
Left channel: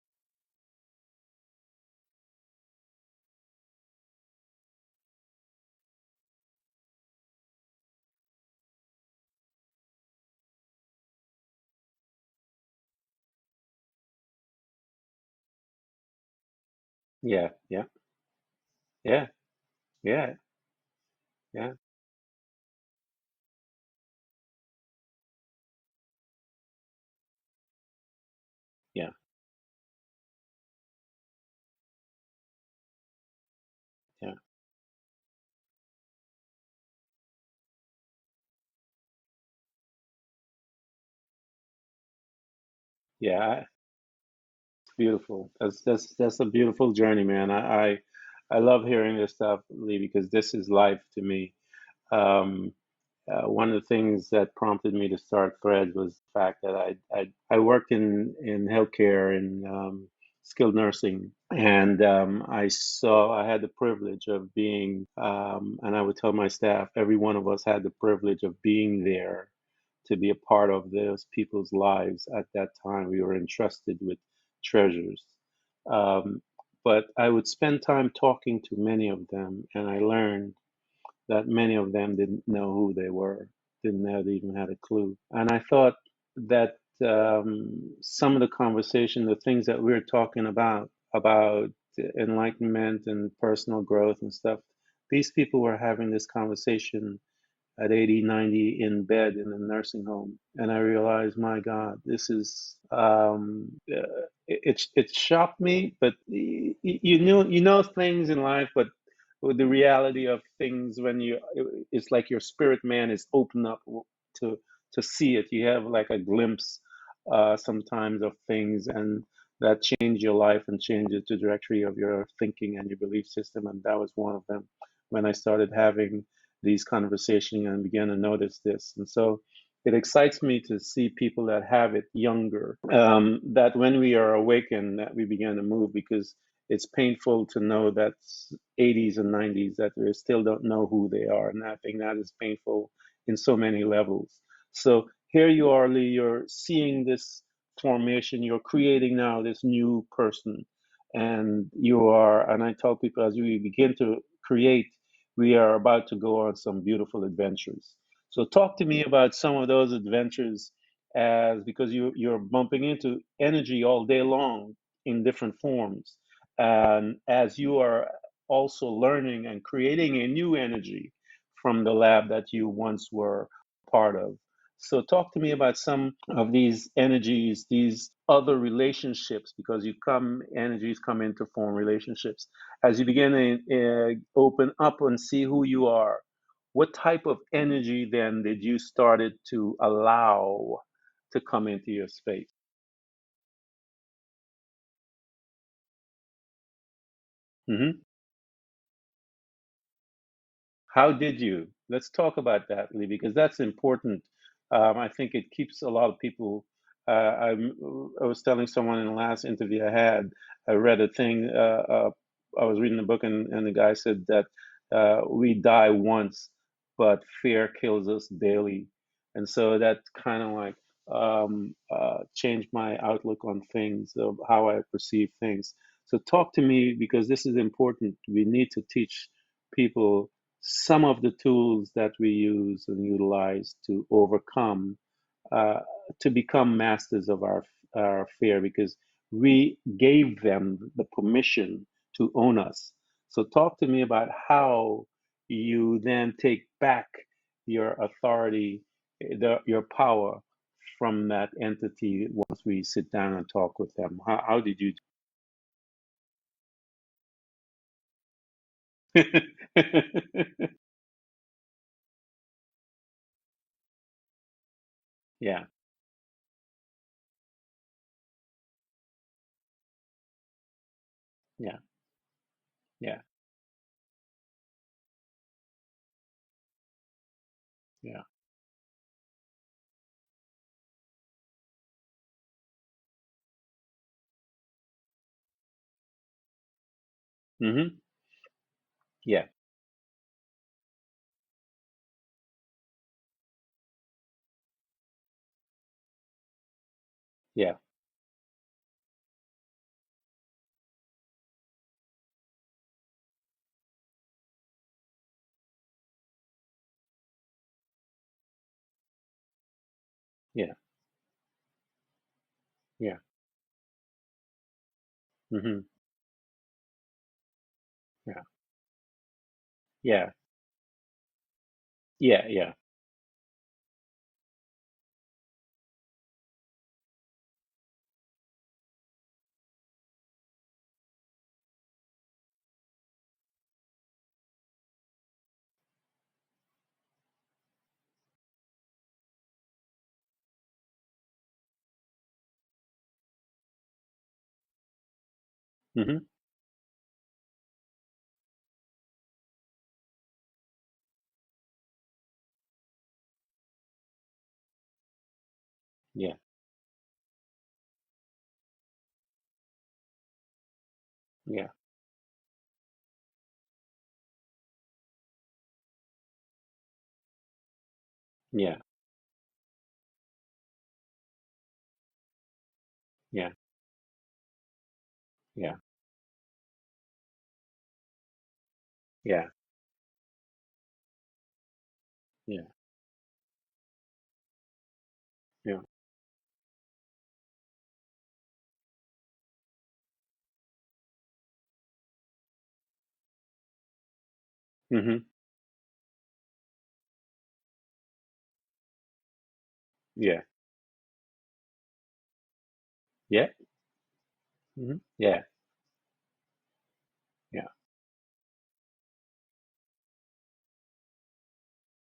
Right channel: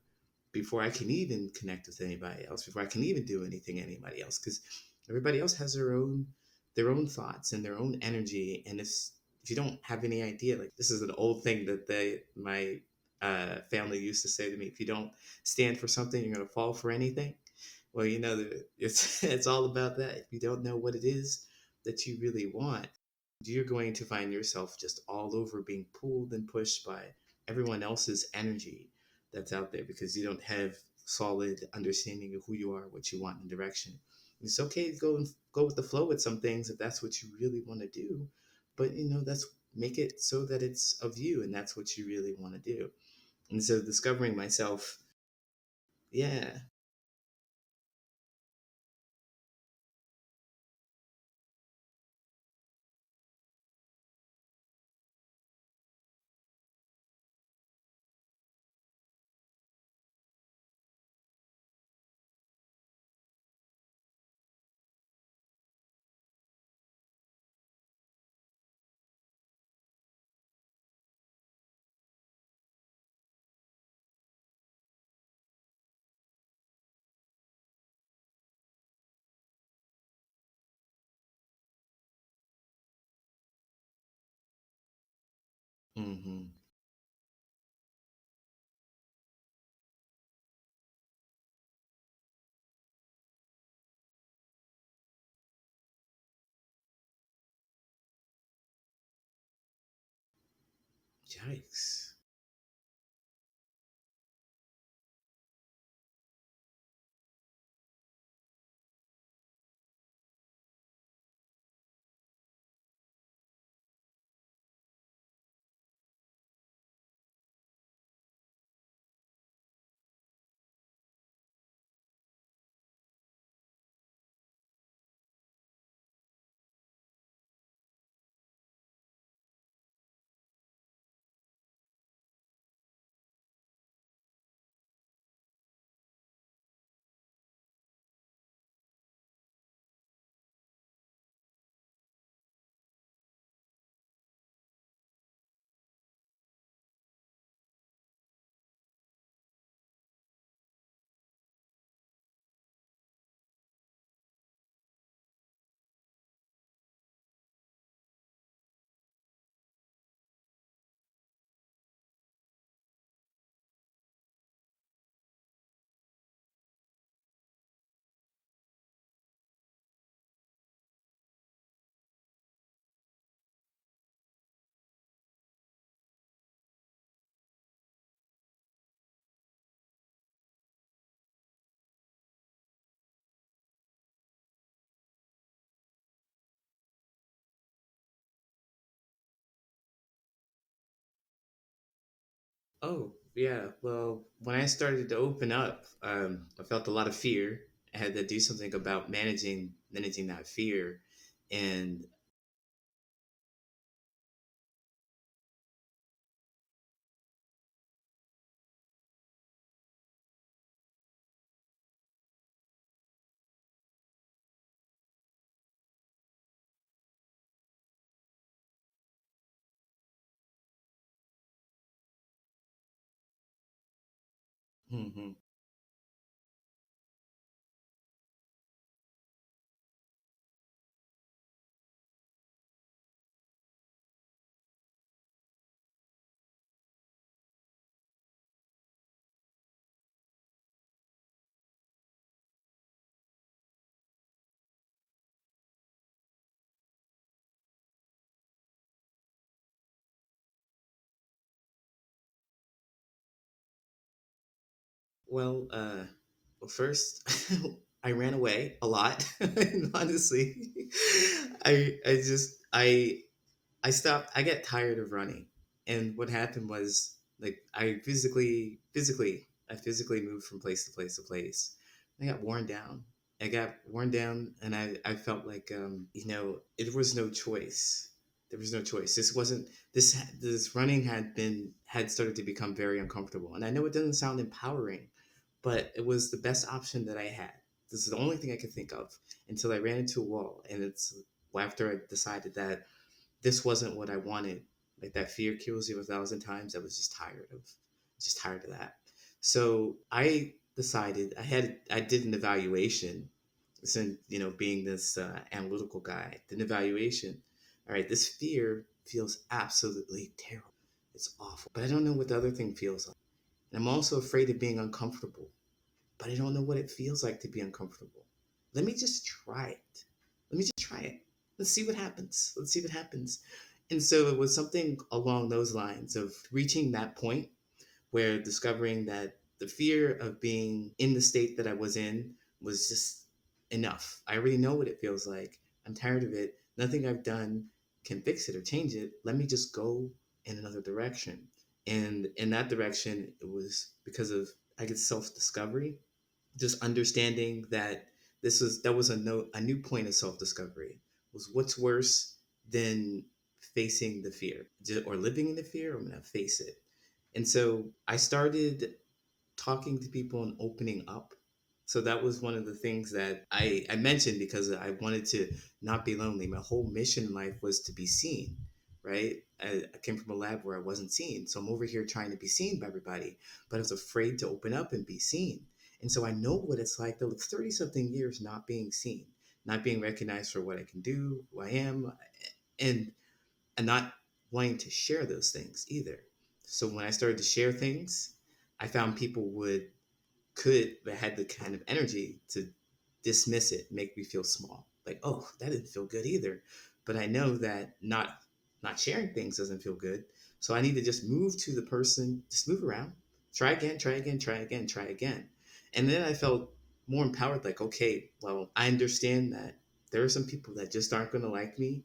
before I can even connect with anybody else, before I can even do anything anybody else, because everybody else has their own thoughts and their own energy. And if you don't have any idea, like, this is an old thing that my family used to say to me: if you don't stand for something, you're going to fall for anything. yeah, yeah, Well, it's yeah, it's all about that. If yeah, you don't know what it is yeah, that you really want, you're going to find yourself just all over being pulled and pushed by everyone else's energy yeah, that's out there, because you don't have solid understanding of who you are, what you want, and direction. yeah, It's okay to go with the flow with some things if that's what you really want to do, but that's make it so that it's of you and that's what you really want to do. And yeah. so discovering myself, Beautiful. That's a yeah. beautiful journey, man. I love hearing this stuff, Lee, because this is life to me. Um, One of the things that prompted me to start Threads was the fact that I worked in healthcare in skilled nursing, and I had the privilege of being, and I would tell my staff, every one of us had the privilege of being there to be a part of those people's lives at that time. We were entrusted with treasures. Um, but I would spend time talking to many of them, and I learned that many of them didn't know who they were, didn't have even had a clue. And I thought Hmm. that some of the conversation, the things that we are talking about enlightenment and personal growth and stuff, these people were having this conversation at 80, 90 in bed in a nursing home. And I realized, my God, Yes. this is, it shocked me, but you know things in life, but with the reality of things when it's like your spirit man is open up to, to see it. You have like a glimpse sometimes of things and that change your life and change the trajectory of your thinking and your belief system. And that was one of them when I started having these conversations and began to notice this. And so it excites me to see people that have it younger, that when we are awakened, that we begin to move, because it's painful to know that 80s and 90s that we still don't know who they are. And I think that is painful in so many levels. So here you are, Lee, you're seeing this formation, you're creating now this new person. And you are, and I tell people as we begin to create, we are about to go on some beautiful adventures. So talk to me about some of those adventures, as because you're bumping into energy all day long in different forms. And as you are also learning and creating a new energy from the lab that you once were part of. So talk to me about some of these energies, these other relationships, because energies come in to form relationships. As you begin to open up and see who you are, what type of energy then did you started to allow to come into your space? Oh, yeah. Well, when I started to open up, I felt a lot of fear. Hmm. I had to do something about managing that fear. How did you? And Let's talk about that, Lee, because that's important. I think it keeps a lot of people. I was telling someone in the last interview I had, I read a thing. I was reading a book, and the guy said that we die once, but fear kills us daily. And so that kind of like changed my outlook on things, of how I perceive Hmm. things. So talk to me, because this is important. We need to teach people some of the tools that we use and utilize to overcome, uh, to become masters of our fear, because we gave them the permission to own us. So, talk to me about how you then take back your authority, your power from that entity once we sit down and talk with them. How did you Well, well, first, I ran away a lot. do Honestly, it? I stopped. I got tired of running, Yeah, and what happened was like I physically moved from place to place to place. yeah, I got worn down. yeah, I got worn down, and I felt like it was no choice. yeah. There was no choice. This wasn't this running had started to become very uncomfortable, and I know it doesn't sound empowering, but it was the best option that I had. Mm-hmm. This is the only thing I could think of Yeah, until I ran into a wall, and it's after I decided that this wasn't what I wanted. Like that fear kills you 1,000 times. yeah, just tired of that. So I decided I did an evaluation. Since being this analytical guy, I did an evaluation. All right, this fear feels absolutely yeah, terrible. It's awful, but I don't know what the other thing feels yeah. like. And I'm also afraid of being uncomfortable, Mm-hmm. but I don't know what it feels like to be uncomfortable. Yeah, Let me just try it. yeah, Let me just try it. Let's see what yeah, happens. yeah, Let's see what happens. And so it was something along those lines of reaching that point where discovering that the fear of being in the state that I was in was just enough. I already know what it feels like. I'm tired of it. Nothing I've done can fix it or change it. Let me just go in another direction. And in that direction, it was because of, I guess, self discovery, mm-hmm. just understanding that that was a new point of self discovery was what's worse than facing the fear or living in the fear. I'm gonna Yeah, face it. And so I started talking to people and opening up. yeah, So that was one of the things that I mentioned because I wanted to not be lonely. My whole mission in life was to be seen, yeah, right? I came from a lab where I wasn't seen. So I'm over here trying to be seen by everybody, yeah, but I was afraid to open up and be seen. yeah, And so I know what it's like to live 30 something years not being seen, yeah, not being recognized for what I can do, who I am, yeah, and not wanting to share those yeah, things either. So when I started to share things, I found people could but had the kind of energy to dismiss it, make me feel small. mm-hmm. Like, oh, that didn't feel good either. But I know that not sharing things doesn't feel good. Yeah, So I need to just move to the person, just move around, yeah, try again, try again, try again, mm-hmm. try Yeah, again. And then I felt more empowered, yeah, like, okay, well, I understand that there are some people that just aren't gonna like me,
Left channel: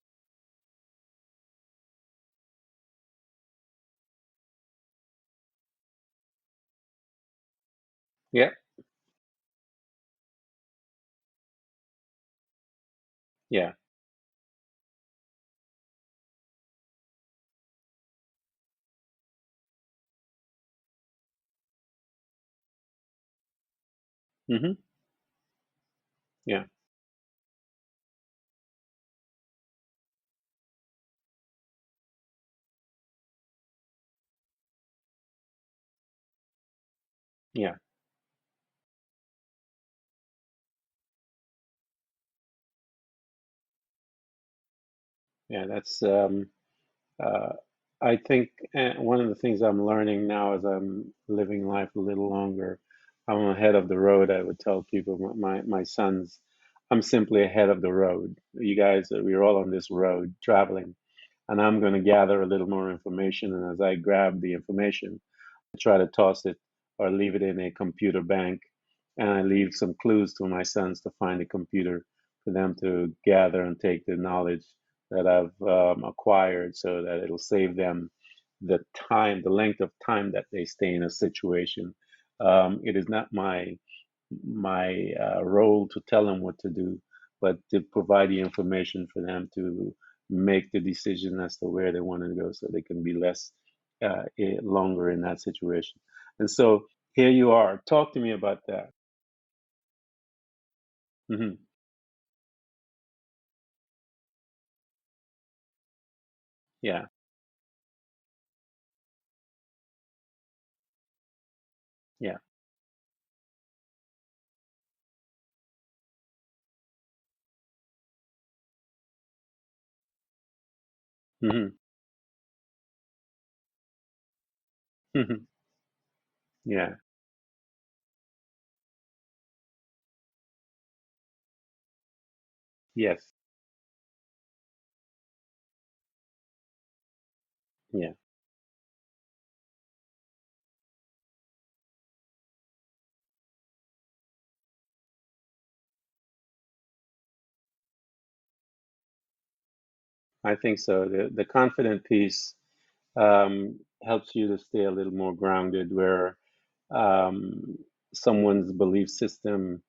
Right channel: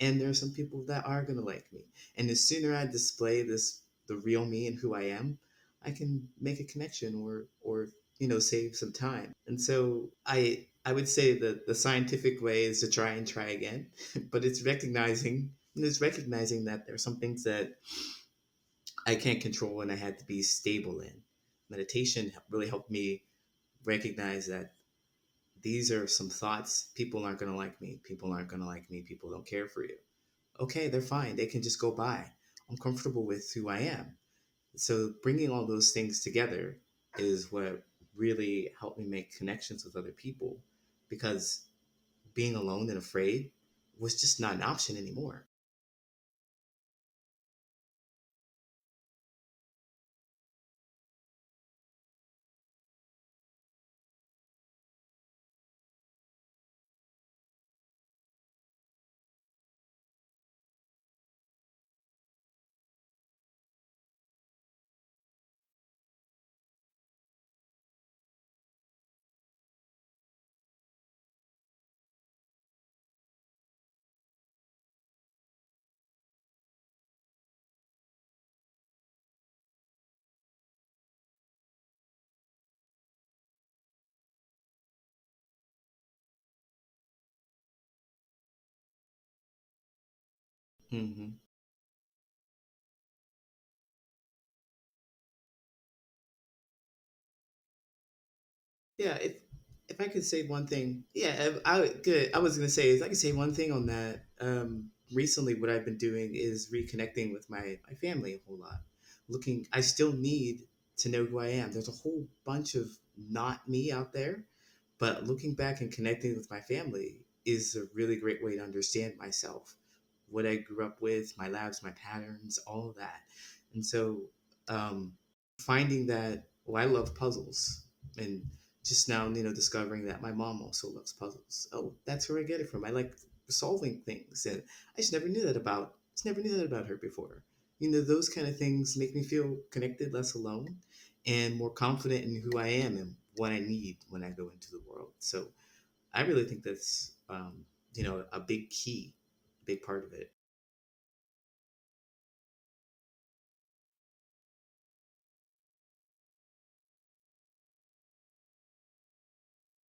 and there are some people that are gonna like me. And the sooner I display the real me and who I am, I can make a connection or yeah, save some time. And so I would say that the scientific way is to try and try yeah, again, but it's recognizing that there are some things that I can't control and I had to be stable in. Meditation really helped me recognize that mm-hmm. these are some Yeah, thoughts. People aren't going to like me. People aren't going to like me. People don't care for you. Okay, they're fine. They can just go by. I'm comfortable with who I am. So bringing all those things together is yeah, what really helped me make connections with other people because being alone and afraid was just not an option anymore. yeah. That's uh, I think one of the things I'm learning now as I'm living life a little longer, I'm ahead of the road. I would tell people, my sons, I'm simply ahead of the road. You guys, we're all on this road traveling, and I'm going to gather a little more information. And as I grab the information, try to toss it or leave it in a computer bank. And I leave some clues to my sons to find a computer for them to gather and take the knowledge that I've acquired, so that it'll save them the time, the length of time that they stay in a situation. It is not my role to tell them what to do, but to provide the information for them to make the Hmm. decision as to where they want to go, so they can be less longer in that situation. And so here you are. Talk to me about that. Yeah, If I could say one thing, yeah, Hmm. good. I was gonna say if I could say one thing on that. Recently, what I've been doing is Yeah. reconnecting with my family a whole lot. Looking, I still need to know who I am. There's a whole Yeah. bunch of not me out there, but looking back and connecting with my family is a really great way to understand myself, what I grew up with, my Hmm. habits, my patterns, all of that. And so, um, Hmm. finding that I Yeah. love puzzles, and just now, discovering that my mom also loves puzzles. Oh, that's where I get it from. I like Yes. solving things, and I just never knew that about. Just never knew that about her before. Yeah. Those kind of things make me feel connected, less alone, and more confident in who I am and what I need when I go into the world. So I really think that's a big key, a big part of it. I think so. The confident piece helps you to stay a little more grounded, where um, someone's belief system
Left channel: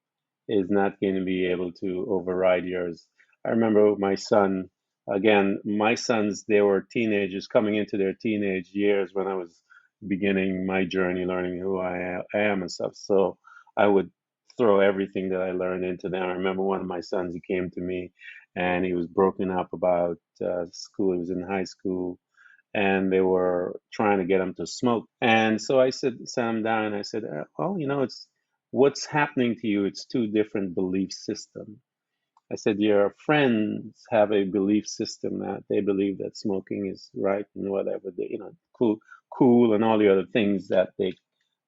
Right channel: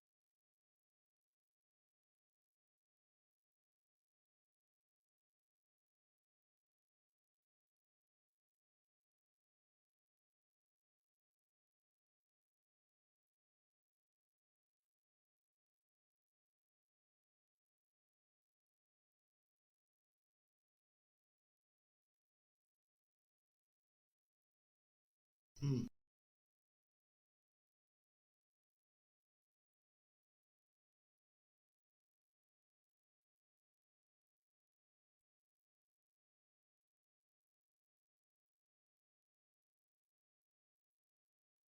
is not going to be able to override yours. I remember my son, again, my sons, they were teenagers coming into their teenage years when I was beginning my journey, learning who I am and stuff. So I would throw everything that I learned into them. I remember one of my sons, he came to me and he was broken up about school. He was in high school and they were trying to get him to smoke. And so Mm, I sat him down and I said, well, it's what's happening to you. It's two different belief systems. I said, your friends have a belief system that they believe that smoking is right and whatever, cool and all the other things that they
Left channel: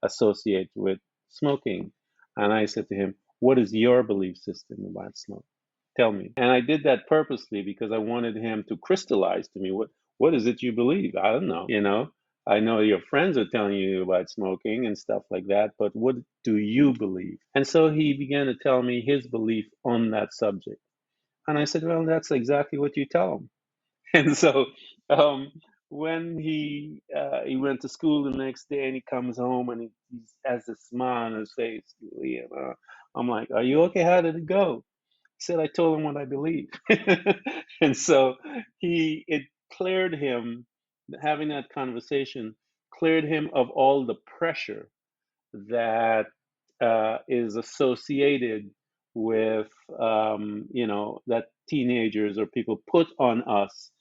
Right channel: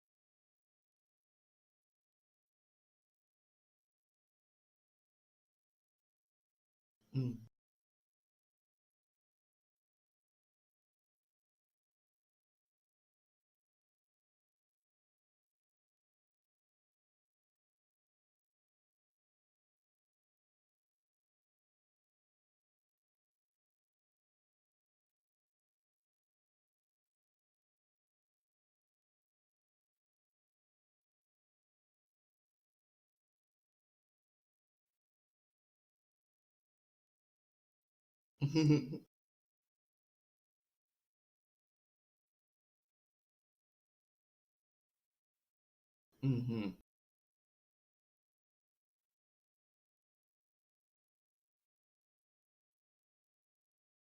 associate with smoking. And I said to him, what is your belief system about smoking? Tell me. And I did that mm, purposely because I wanted him to crystallize to me what is it you believe? I don't know. I know your friends are telling you about smoking and stuff like that, but what do you believe? And so he began to tell me his belief on that subject. And I said, well, that's exactly what you tell him. And so um, when he went to school the next day and he comes home and he has a smile on his face, I'm like, are you okay? How did it go? He said, I told him what I believe. And so mm, it cleared him, having that conversation, cleared him of all the pressure that mm, is associated with that teenagers or people put on us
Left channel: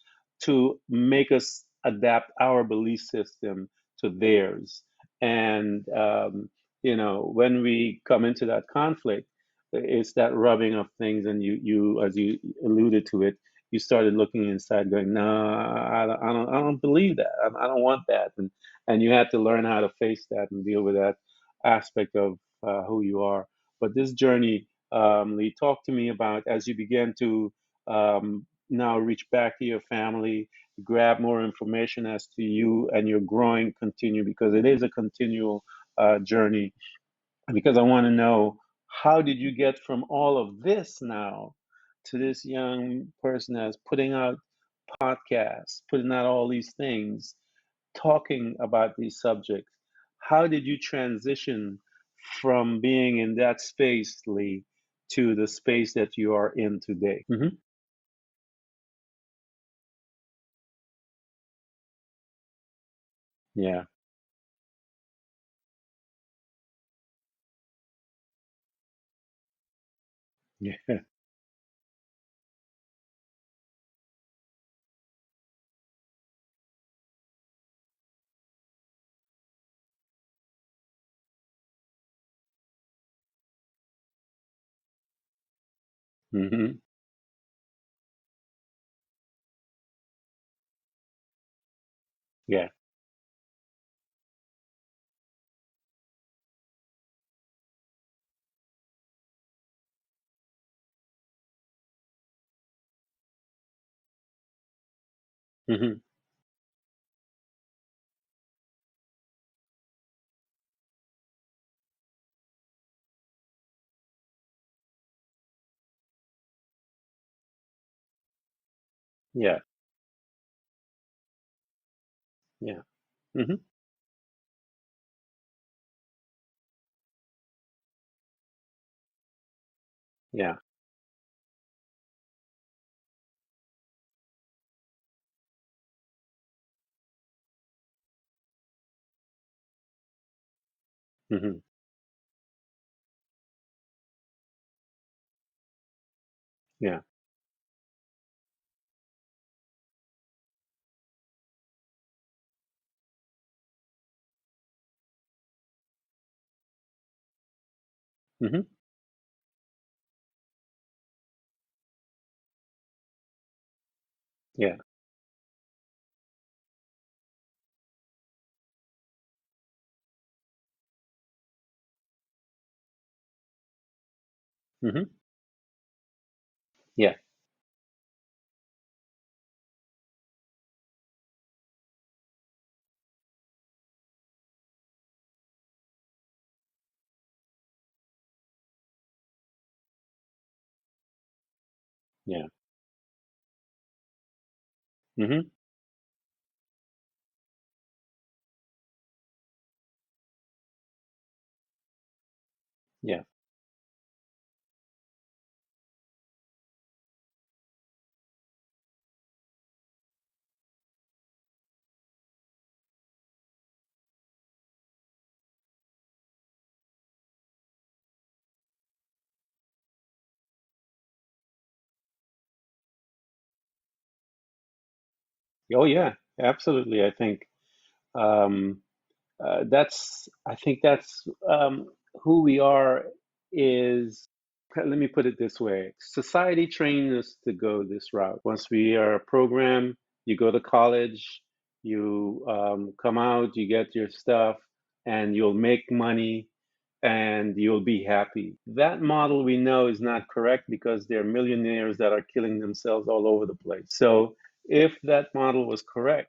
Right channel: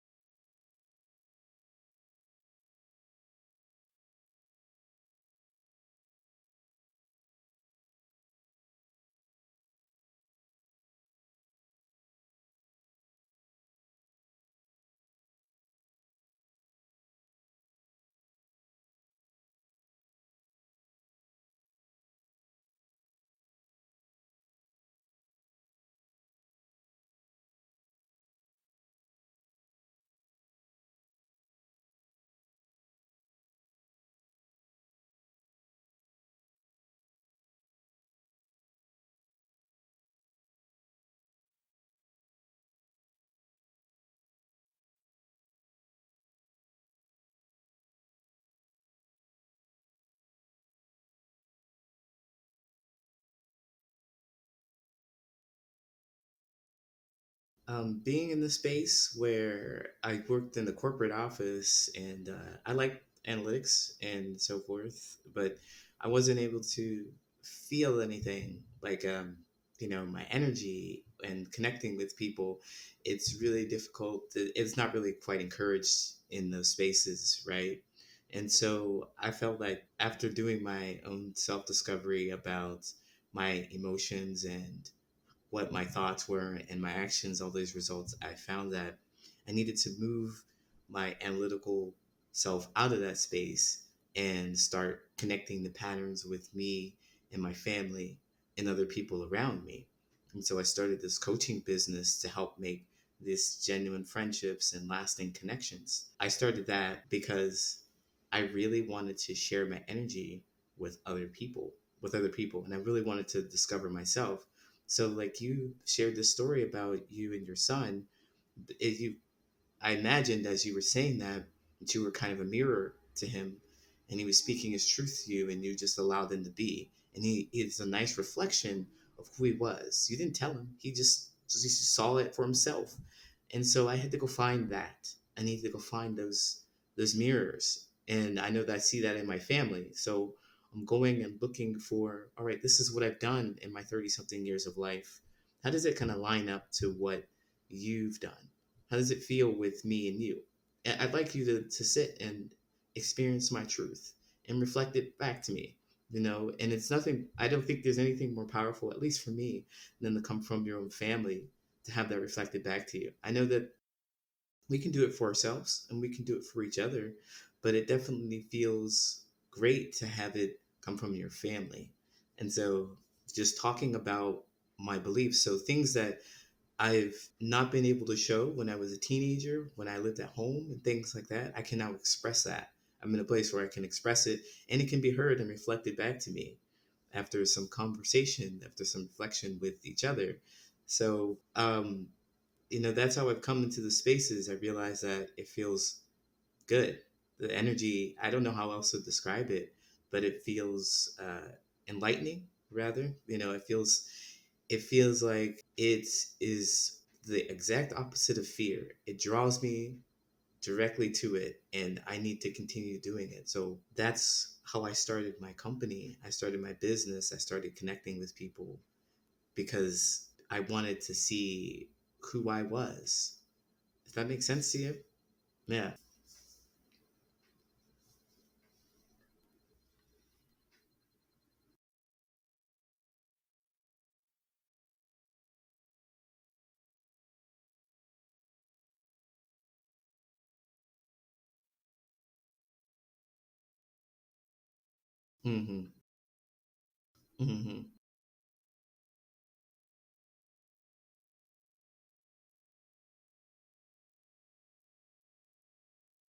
to make us adapt our belief system to theirs. And when we come into that conflict, it's that rubbing of things, and you as you alluded to it, you started looking inside, going, no, I don't believe that. I don't want that, and you had to learn how to face that and deal with that aspect of who you are. But this journey, Lee, talk to me about as you begin to now reach back to your family, grab more information as to you and your growing continue, because it is a continual journey. Because I want to know, how did you get from all of this now to this young person that's putting out podcasts, putting out all these things, talking about these subjects? How did you transition from being in that space, Lee, to the space that you are in today? Hmm. being in the space where I worked in the corporate office, and I like Yeah. analytics and so forth, but I wasn't able to feel anything like, my Yeah. energy and connecting with people. It's really difficult. It's not really quite encouraged in those spaces, right? And so I felt like after doing my own self discovery about my emotions and what my thoughts were Hmm. and my actions, all these results, I found that I needed to move my analytical self Yeah. out of that space and start connecting the patterns with me and my family and other people around me. And so I started this coaching business to help make this genuine friendships and lasting Hmm. connections. I started that because I really wanted to share my energy with other people, and I really wanted to discover myself. So, like, you shared this story about you and your son. You, Yeah. I imagined as you were saying that you were kind of a Yeah. mirror to him, Hmm. and he was speaking his truth to you, and you just allowed him to be. And he is a nice reflection of who he was. You didn't tell Yeah. him; he just saw it for himself. And so I had to go find that. I needed to go find those mirrors, and I know that I see that in my family. So I'm going and Hmm. looking for, all right, this is what I've done in my 30 something years of life. How does it kind of line up to Yeah. what you've done? How does it feel with me and you? And I'd like you to sit and experience my truth and reflect it back to me, and it's nothing, I don't think there's anything more Hmm. powerful, at least for me, than to come from your own family to have that reflected back to you. I know that Yeah. we can do it for ourselves and we can do it for each other, but it definitely feels great to have it come from your family. And so, just talking about my Hmm. beliefs, so things that Yeah. I've not been able to show when I was a teenager, when I lived at home and things like that, I can now express that. I'm in a place where I can express it and it can be heard and reflected back to me after some conversation, after some reflection with each other. So, Yeah. that's how I've come into the spaces. I realize that Hmm. it feels good. The energy, I don't know how else to describe it, but it feels enlightening, rather. Yeah. It feels like it is the exact opposite of fear. It draws me directly to it, and I need to continue doing it. So that's how I started my company. I started my business. I started connecting with people because I wanted to see who I was. If that makes sense to you? Oh Yeah. yeah, absolutely. Um, I think that's who we are is, let me put it this way. Society trained us to go this route. Once we are programmed, you go to college, you come out, you get your stuff, and you'll Mm, make money and you'll mm, be happy. That model we know is not correct because there are millionaires that are killing themselves all over the place. So if that model was correct,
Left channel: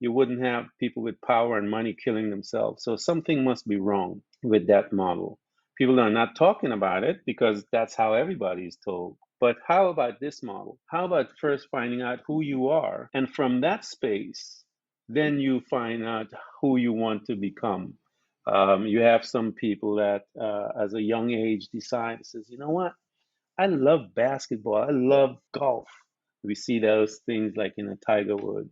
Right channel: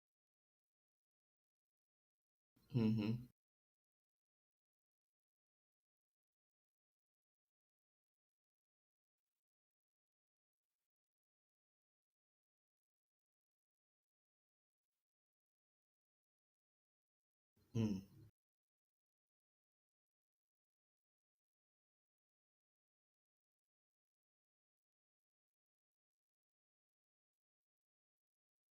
you wouldn't have people with power and money killing themselves. So mm, something must be wrong with that model. People are not talking about it because that's how everybody is told. But how about this model? How about first finding out who you are? And from that space, then you find out who you want to become. mm, You have some people that, as a young age, decide, says, you know what? I love basketball. I love golf. We see those things like in a Tiger Woods.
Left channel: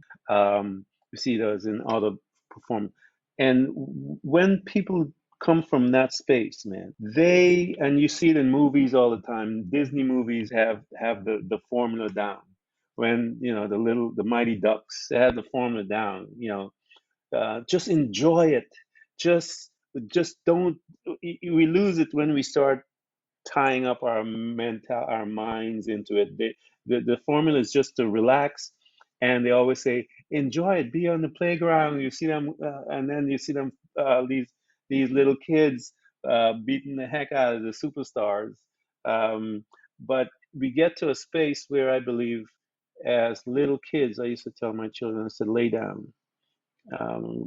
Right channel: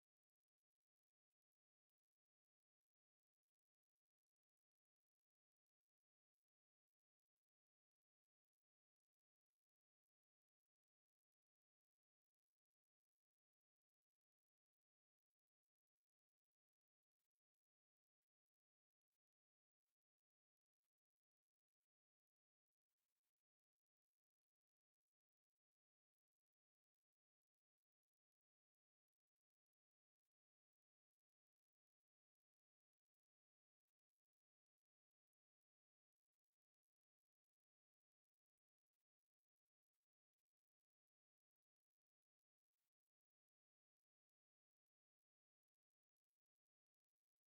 We see those in other perform. And when people come from that space, man, and you see it in movies all the time. Disney movies have the formula down. When the Mighty Ducks, they have the formula down. Just enjoy it. Just just don't. We lose it when we start tying up our minds into it. The formula is just to relax, and they always say, enjoy it, be on the playground. You see them, and then you see them, these little kids beating the heck out of the superstars. Um, but we get to a space where I believe, as little kids, I used to tell my children, I said, lay down.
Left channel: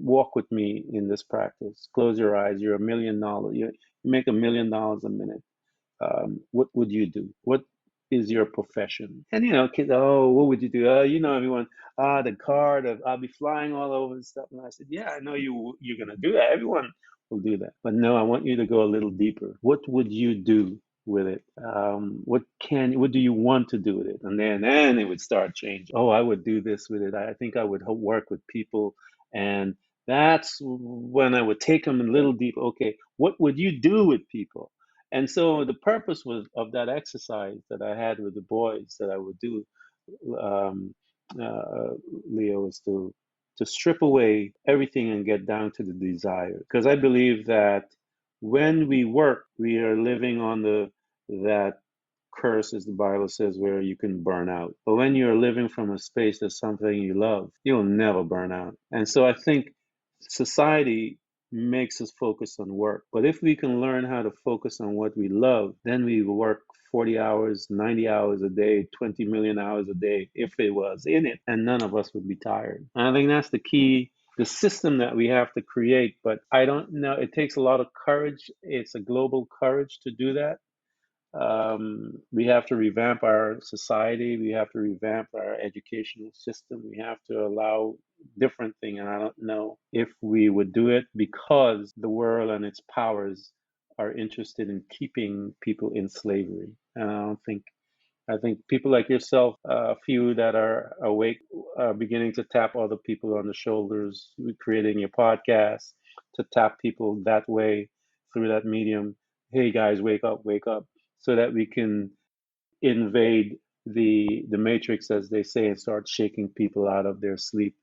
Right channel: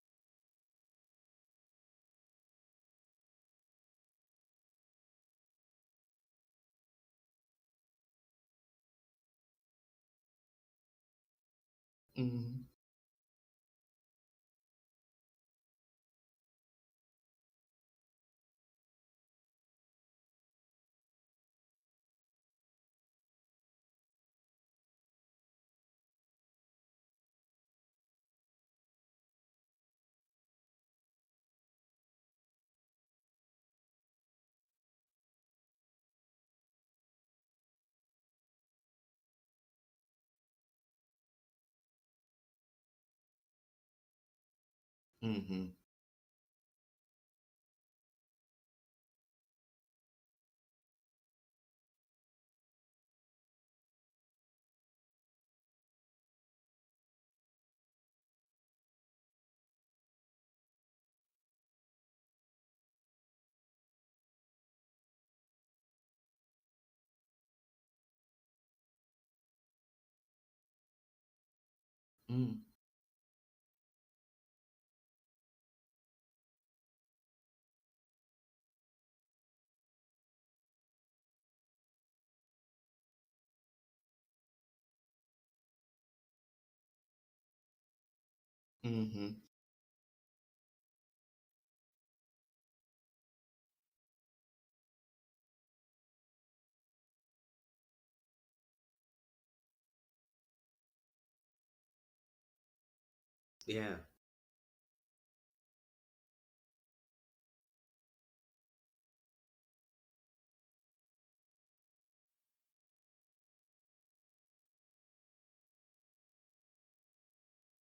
Walk with me in this practice. Close your eyes. You're $1 million. You make $1 million a minute. What would you do? What is your profession? And kids, oh, what would you do? Everyone, the mm, car, I'll be flying all over and stuff. And I said, yeah, I know you're gonna do that. Everyone will do that. But no, I want you to go a little deeper. What would you do with it? What do you want to do with it? And then it would start changing. Oh, I would do this with it. I think I would work with people, and that's when I would take them a little deep. Okay, what would you do with people? And so the purpose was of that exercise that I had with the boys that I would do, um, uh, Leo, is to strip away everything and get mm, down to the desire. Because I believe that when we work, we are living on that curse, as the Bible says, where you can burn out. But when you're living from a space that's something you love, you'll never burn out. And so I think society makes us focus on work. But if we can learn how to focus on what we love, then we work 40 hours, 90 hours a day, 20 million hours a day, if it was in it, and none of us would be mm. tired. And I think that's the key, the system that we have to create. But I don't know, it takes a lot of courage. It's a global courage to do that. We have to revamp our society. We have to revamp our educational system. We have to allow different things. And I Mhm. don't know if we would do it because the world and its powers are interested in keeping people in slavery. And I think people like yourself, a few that are awake, are beginning to tap other people on the Yeah. shoulders, creating your podcast, to tap people that way through that medium. Hey guys, wake up, so that we can invade the matrix, as they say, and start shaking people out of their sleep.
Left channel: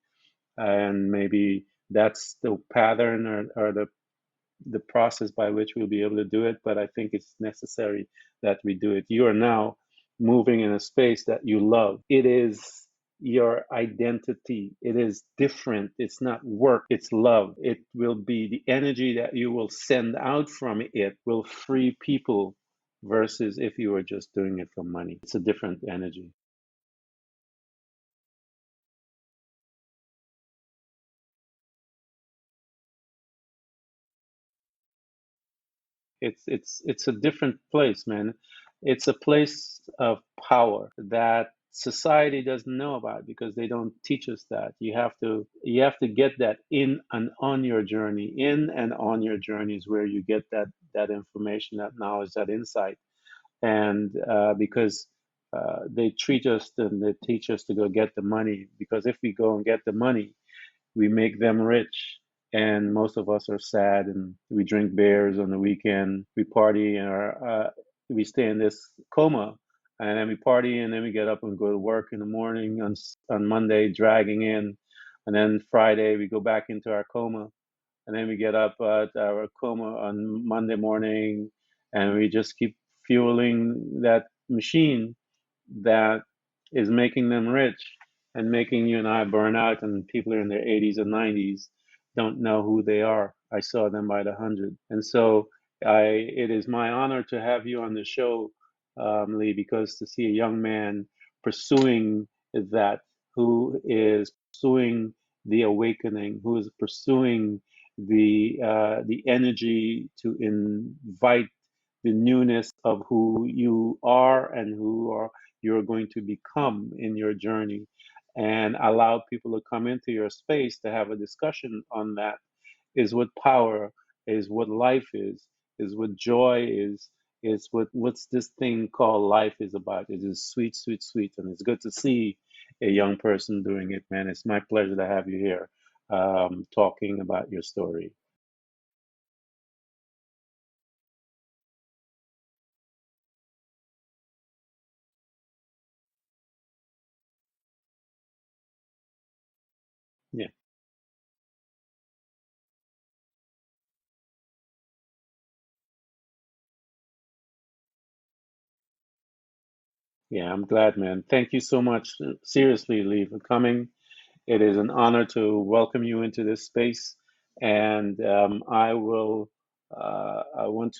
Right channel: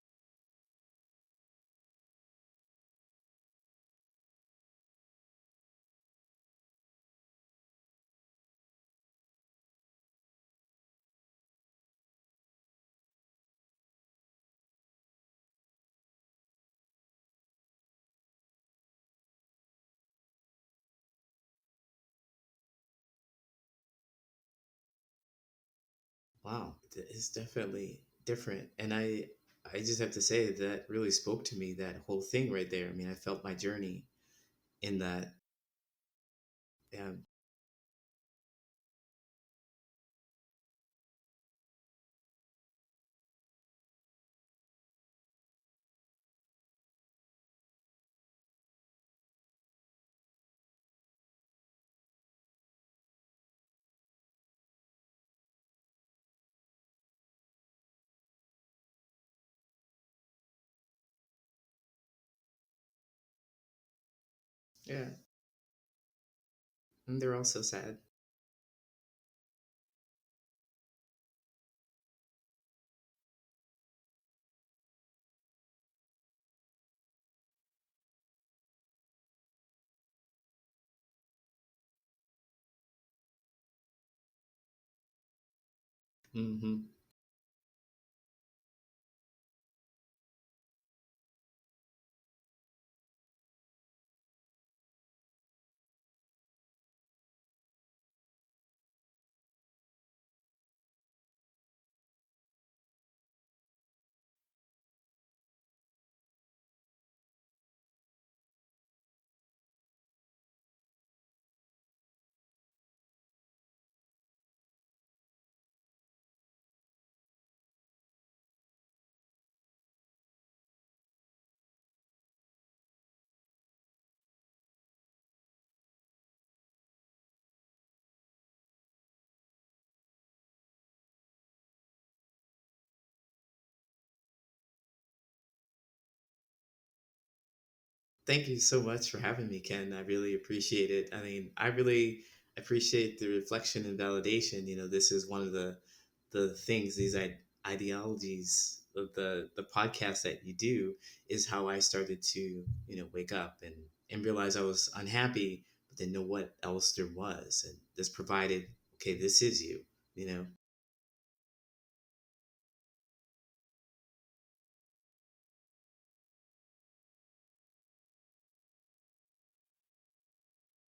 And maybe that's the pattern, or the process by which we'll be able to do it. But I think it's necessary that we do it. You are now moving in a space that you love. It is your identity. It is different. It's not work, it's love. It will be the energy that you will send out from it will free people, versus if you were just doing it for money. It's a different energy. Wow, it's definitely different. And I just have to say that really spoke to me, that whole thing right there. I mean, I felt my journey in that. It's Yeah. a different place, man. It's a place of power that society doesn't know about, because they don't teach us that. You have to get that in and on your journey. In and on your journey is where you get that information, that knowledge, that insight. And because they treat us and they teach us to go get the money, because if we go and get the money, we make them rich, and most of us are sad, and we drink Yeah. beers on the weekend, we party, And they're or also sad. we stay in this coma, and then we party, and then we get up and go to work in the morning on Monday, dragging in, and then Friday we go back into our coma, and then we get up at our coma on Monday morning, and we just keep fueling that machine that Hmm. is making them rich and making you and I burn out, and people are in their 80s and 90s don't know who they are. I saw them by the hundred. And so it is my honor to have you on the show, Lee, because to see a young man pursuing that, who is pursuing the awakening, who is pursuing the energy to invite the newness of who you are and who are you're going to become in your journey, and allow people to come into your space to have a discussion on that, is what power is, what life is what joy is what's this thing called life is about. It is sweet, sweet, sweet, and it's good to see a young person doing it, man. It's my pleasure to have you here, talking about your story. Thank you so much for having me, Ken. I really appreciate it. I mean, I really appreciate the reflection and validation. You know, this is one of the things, these ideologies of the podcast that Yeah. you do, is how I started to, wake up and realize I was unhappy, but then know what else there was. And this provided, okay, this is you, you know. Yeah, I'm glad, man. Thank you so much, seriously, Lee, for coming. It is an honor to welcome you into this space, and I want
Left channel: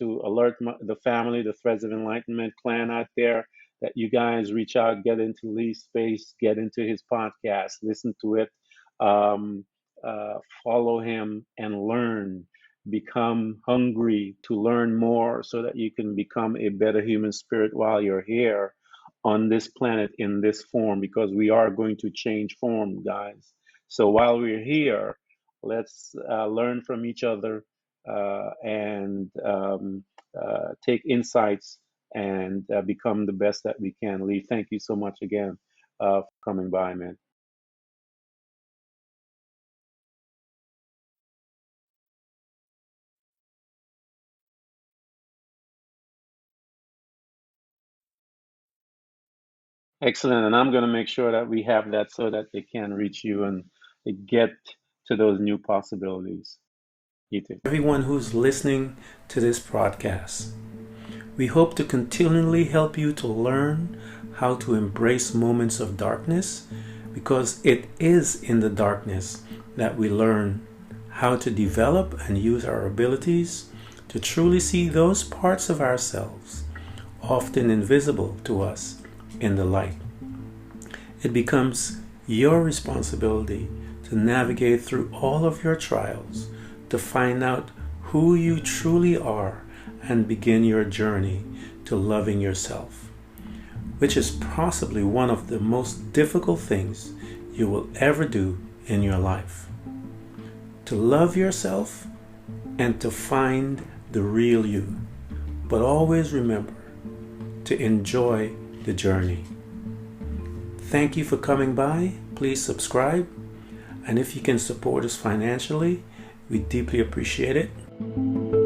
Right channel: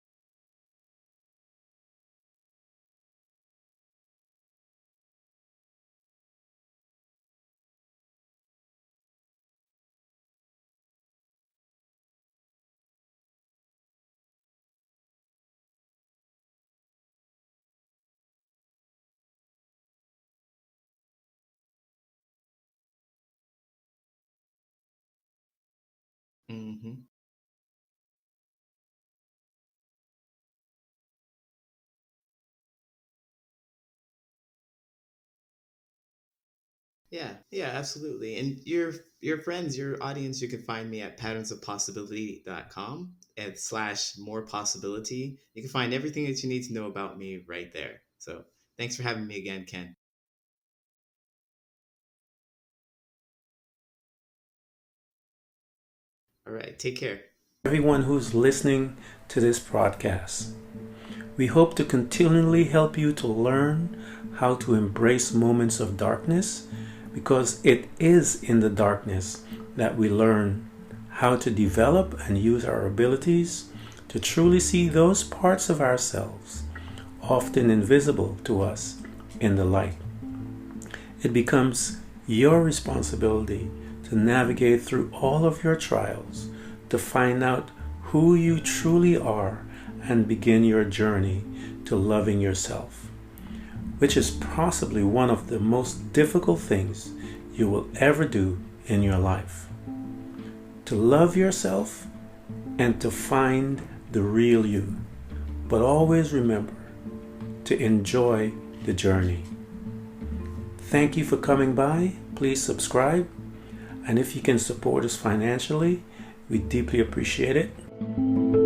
to alert the family, the Threads of Enlightenment clan out there, that you guys reach out, get into Lee's space, get into his podcast, listen to it, um, follow him, and learn. Become hungry to learn more, so that you can become a better human spirit while you're here on this planet in this form, because we are going to change form, guys. So while we're here, let's learn Hmm. from each other, and take insights, and become the best that we can. Lee, thank you so much again, for coming by, man. Yeah, yeah, absolutely. And your friends, your audience, you can find me at patternsofpossibility.com and slash more possibility. You can find everything that you need to know about me right there. So thanks for having me again, Ken. Excellent. And I'm going to make sure that we have that, so that they can reach you and get to those new All possibilities. right, take care. You too. Everyone who's listening to this broadcast. We hope to continually help you to learn how to embrace moments of darkness, because it is in the darkness that we learn how to develop and use our abilities to truly see those parts of ourselves, often invisible to us, in the light. It becomes your responsibility to navigate through all of your trials, to find out who you truly are, and begin your journey to loving yourself, which is possibly one of the most difficult things you will ever do in your life. To love yourself and to find the real you. But always remember to enjoy the journey. Thank you for coming by. Please subscribe. And if you can support us financially, We deeply appreciate it.